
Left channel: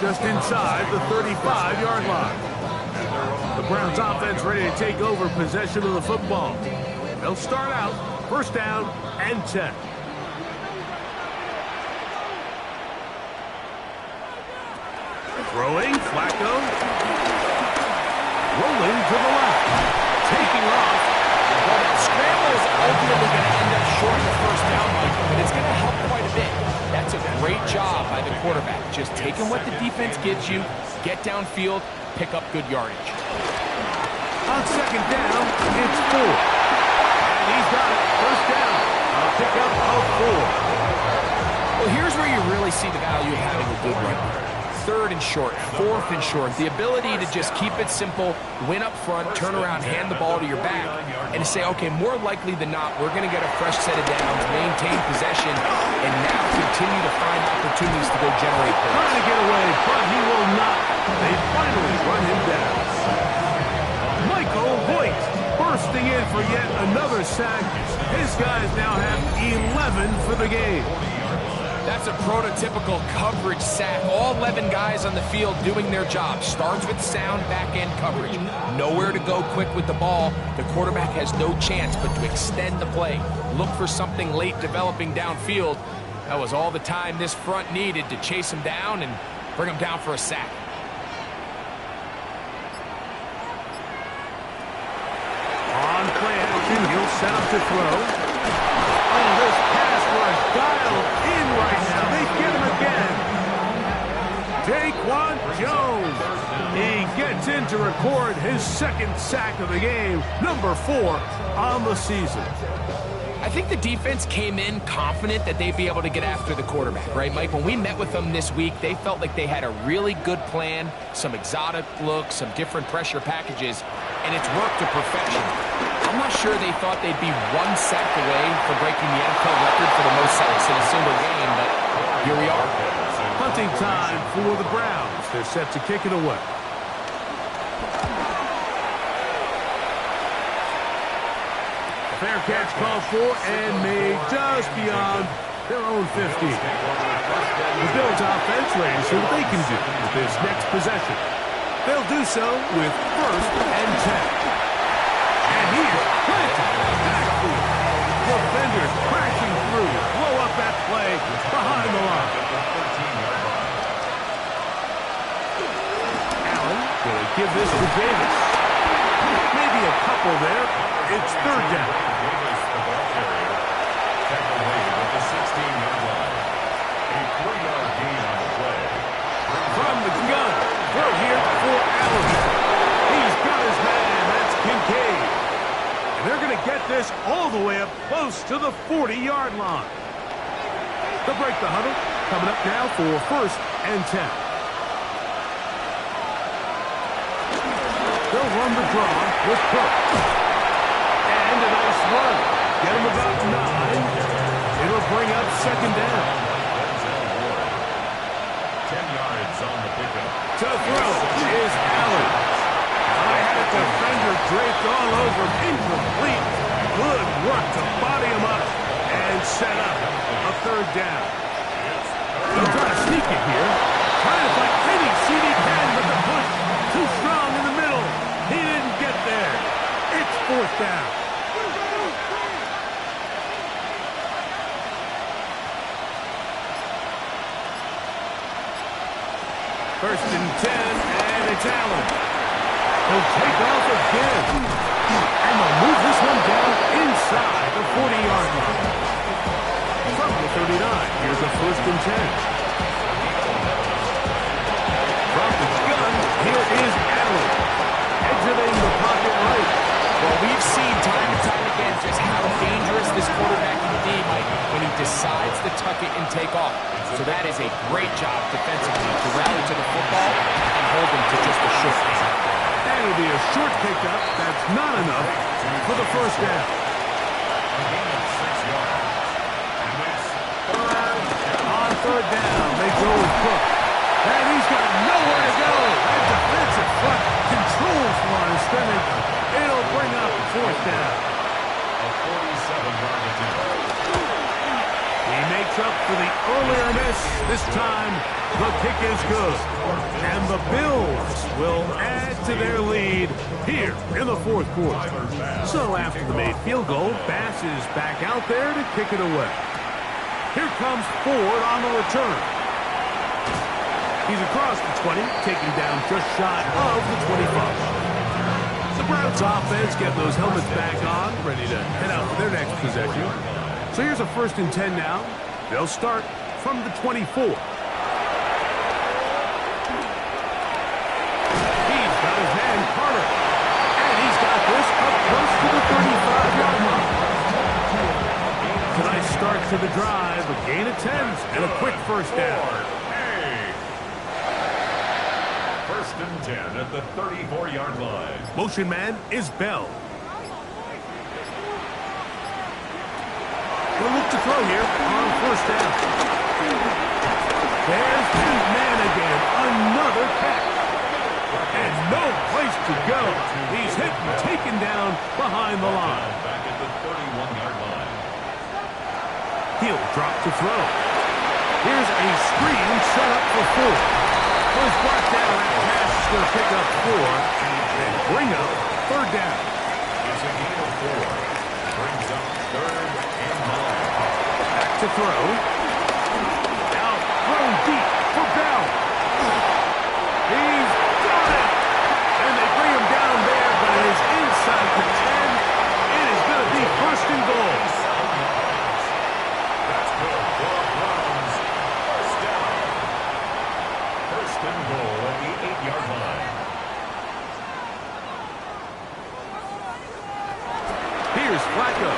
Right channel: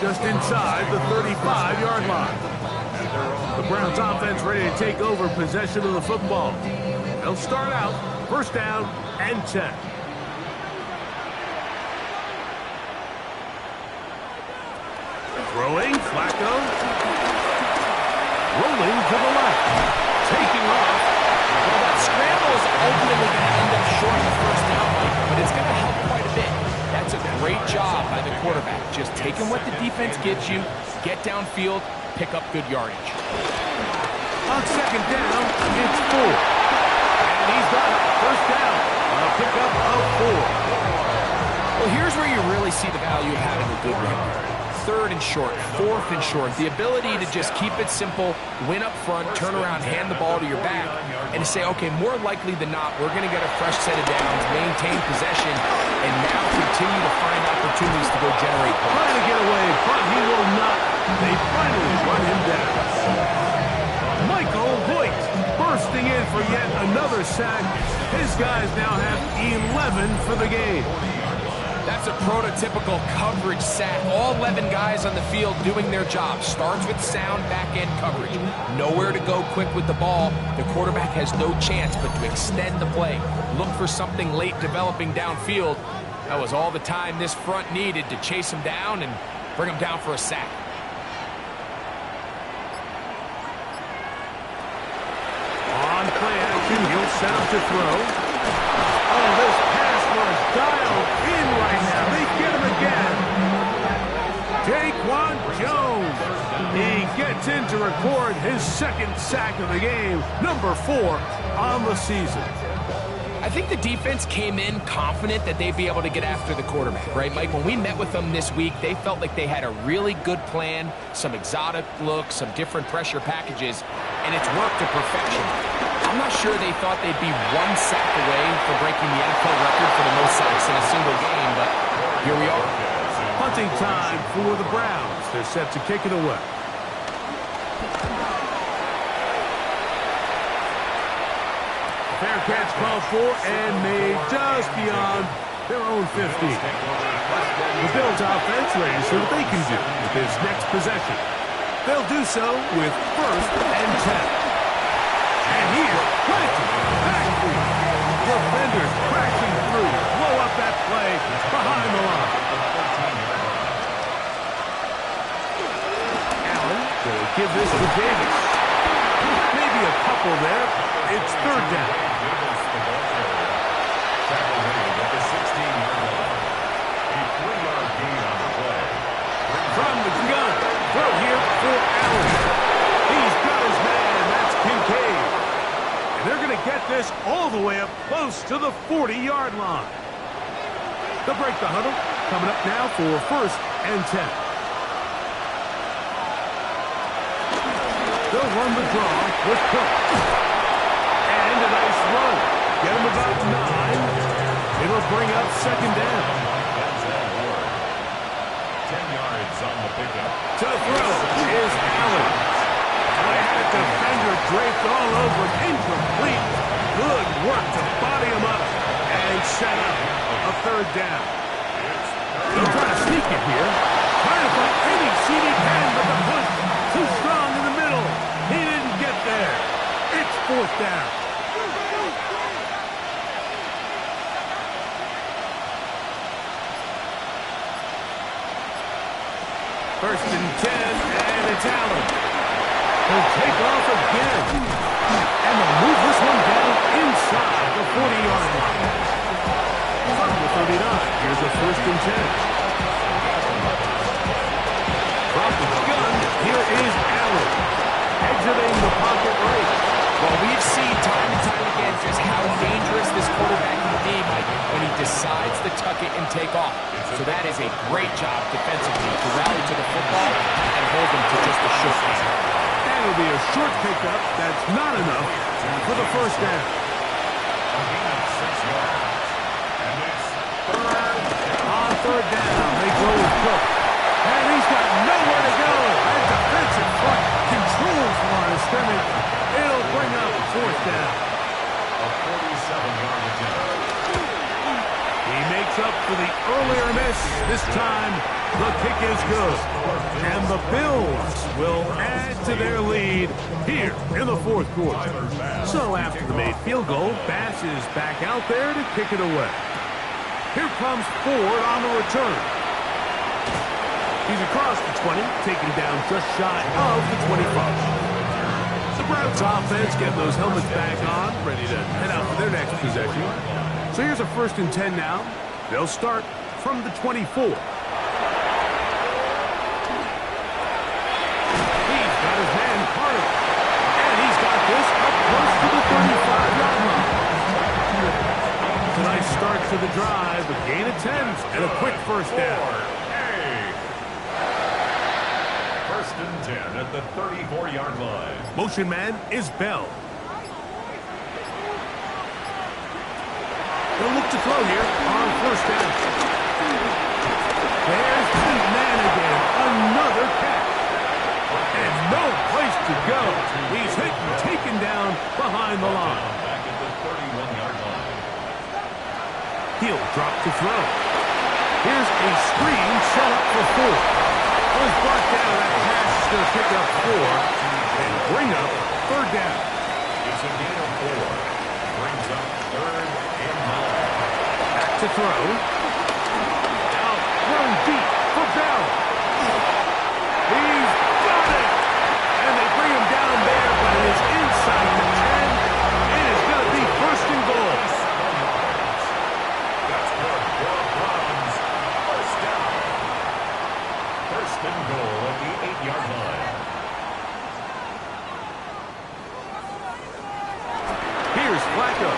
just inside the 35-yard line. The Browns offense ready to take over possession of the football. They'll start out 1st down and 10. Throwing, Flacco. Rolling to the left. Taking off. Well, that scramble is ultimately going to end up short in the 1st down, Mike, but it's going to help quite a bit. That's a great job by the quarterback. Just taking what the defense gives you, get downfield, pick up good yardage. On 2nd down, it's 4. And he's got it. 1st down. A pickup of 4. Well, here's where you really see the value of having a good run. 3rd and short, 4th and short. The ability to just keep it simple, win up front, turn around, hand the ball to your back, and to say, okay, more likely than not, we're going to get a fresh set of downs, maintain possession, and now continue to find opportunities to go generate points. Trying to get away, but he will not. They bursting in for yet another sack. His guys now have 11 for the game. That's a prototypical coverage sack. All 11 guys on the field doing their job. Starts with sound back-end coverage. Nowhere to go quick with the ball. The quarterback has no chance but to extend the play. Look for something late developing downfield. That was all the time this front needed to chase him down and bring him down for a sack. On play action, he'll set up to throw. Oh, this pass was dialed in right now. They get him again. Daquan Jones. He gets in to record his second sack of the game, number 4 on the season. I think the defense came in confident that they'd be able to get after the quarterback, right, Mike? When we met with them this week, they felt like they had a really good plan, some exotic looks, some different pressure packages, and it's worked to perfection. I'm not sure they thought they'd be 1 sack away from breaking the NFL record for the most sacks in a single game, but here we are. Punting time for the Browns. They're set to kick it away. Fair catch called for and made just beyond their own 15. The Bills offense ready to see what they can do with this next possession. They'll do so with 1st and 10. And here's planted backfield. Defenders crashing through. Blow up that play behind the line. Allen going to give this to Davis. Maybe a couple there. It's 3rd down. Davis, the ball carrier. Tackle made at the 16-yard line. A 3-yard gain on the play. From the gun. Throw here for Allen. He's got his man. That's Kincaid. And they're going to get this all the way up close to the 40-yard line. They'll break the huddle. Coming up now for 1st and 10. They'll run the draw with Cook. And a nice run. Get him about 9. It'll bring up 2nd down. 10 yards on the pickup. To throw is Allen. I had a defender draped all over him. Incomplete. Good work to body him up and set up a 3rd down. He'll try to sneak it here. Trying to find any seat he can, but the push too strong in the middle. He didn't get there. It's 4th down. First and 10, and it's Allen. He'll take off again. And they'll move this one down inside the 40-yard line. From the 39, here's a 1st and 10. From the gun, here is Allen. Exiting the pocket right. Well, we've seen time and time again just how dangerous this quarterback can be, Mike, when he decides to tuck it and take off. So that is a great job defensively to rally to the football and hold him to just a short gain. That'll be a short pickup. That's not enough for the 1st down. A gain of 6 yards. And it's 3rd down. On 3rd down, they go with Cook. And he's got nowhere to go. And defensive front controls the line of scrimmage. It'll bring up 4th down. A 47-yard attempt. He makes up for the earlier miss. This time, the kick is good. And the Bills will add to their lead here in the 4th quarter. So after the made field goal, Bass is back out there to kick it away. Here comes Ford on the return. He's across the 20, taking down just shy of the 25. The Browns offense getting those helmets back on, ready to head out for their next possession. So here's a 1st and 10 now. They'll start from the 24. He's got his man Carter. And he's got this up close to the 35-yard line. Tonight's start to the drive, a gain of 10 and a quick 1st down. 1st and 10 at the 34-yard line. Motion man is Bell. He'll look to throw here on 1st down. There's the man again. Another catch. And no place to go. He's hit and taken down behind the line. Back at the 31-yard line. He'll drop to throw. Here's a screen set up for 4. Was brought down. That pass is going to pick up 4 and bring up third down. It's a gain of 4. Brings up 3rd and 9. Back to throw. Now thrown deep for Bell. He's got it. And they bring him down there, but it is inside the 10. It is going to be 1st and goal. That's good for Browns. 1st down. 1st and goal at the 8-yard line. Here's Flacco.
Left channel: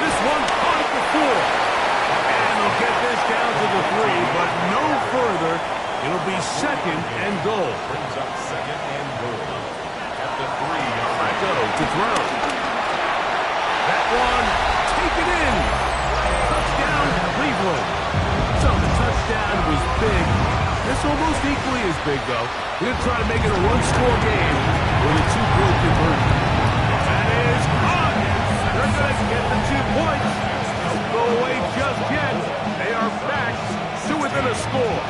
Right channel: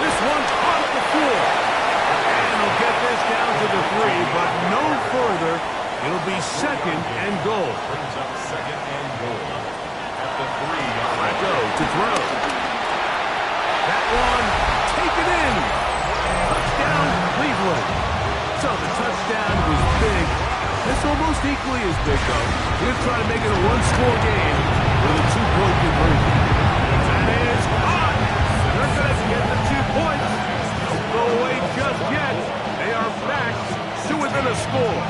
This one caught at the 4. And they'll get this down to the 3, but no further. It'll be 2nd and goal. Brings up 2nd and goal at the 3-yard line. Flacco to throw. That one taken in. Touchdown, Cleveland. So the touchdown was big. This almost equally as big, though. We're going to try to make it a one-score game with a 2-point conversion. That is caught. They're going to get the 2 points. Don't go away just yet. They are back to within a score.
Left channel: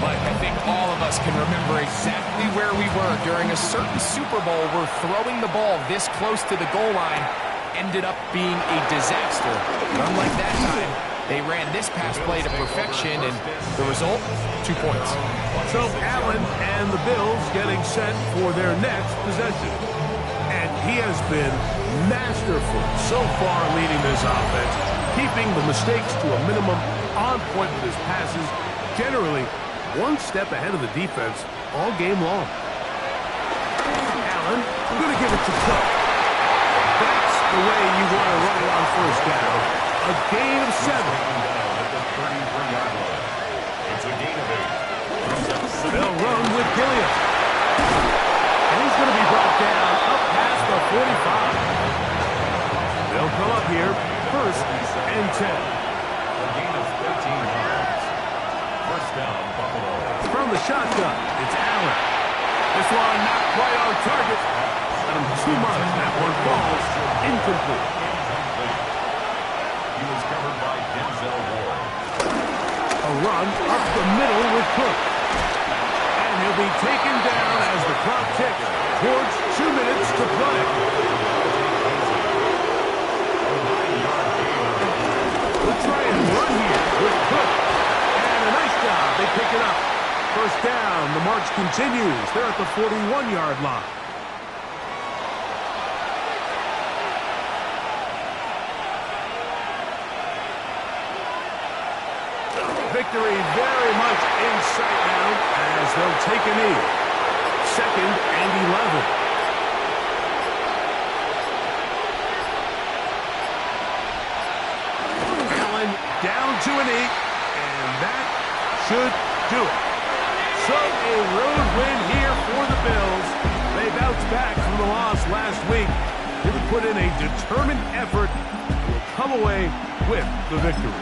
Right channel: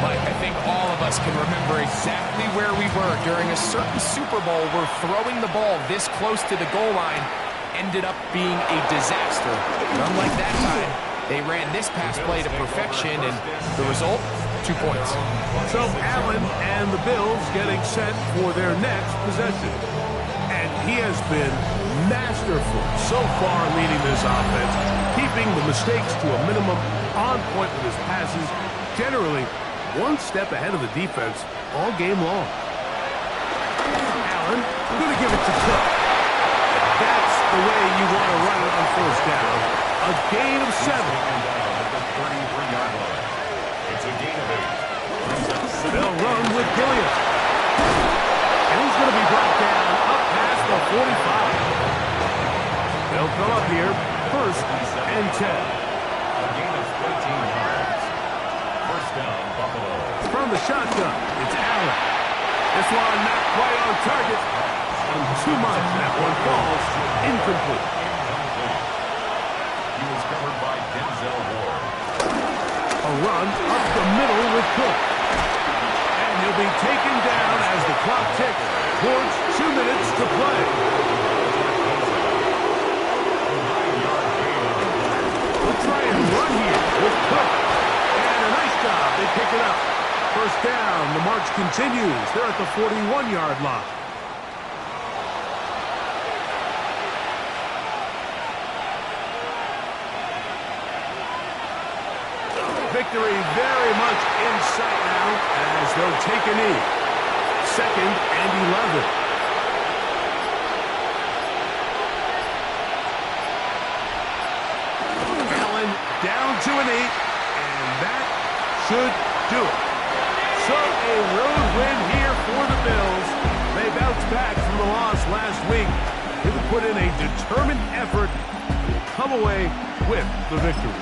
Mike, I think all of us can remember exactly where we were during a certain Super Bowl where throwing the ball this close to the goal line ended up being a disaster. But unlike that time, they ran this pass play to perfection, and the result, 2 points. So Allen and the Bills getting set for their next possession. And he has been masterful so far leading this offense, keeping the mistakes to a minimum, on point with his passes, generally one step ahead of the defense all game long. Allen, going to give it to Cook. That's the way you want to run it on 1st down. A gain of 7. Down at the 33-yard line. It's a gain of 8. They'll run with Gilliam. And he's going to be brought down up past the 45. They'll come up here, 1st and 10. A gain of 13 yards. 1st down, Buffalo. From the shotgun, it's Allen. This one not quite on target. Got him too much. That one falls incomplete. He was covered by Denzel Ward. A run up the middle with Cook. And he'll be taken down as the clock ticks towards 2 minutes to play. We'll try and run here with Cook. And a nice job. They pick it up. 1st down. The march continues. They're at the 41-yard line. Victory very much in sight now as they'll take a knee. 2nd and 11. Allen down to a knee, and that should do it. So a road win here for the Bills. They bounced back from the loss last week. They would put in a determined effort and will come away with the victory.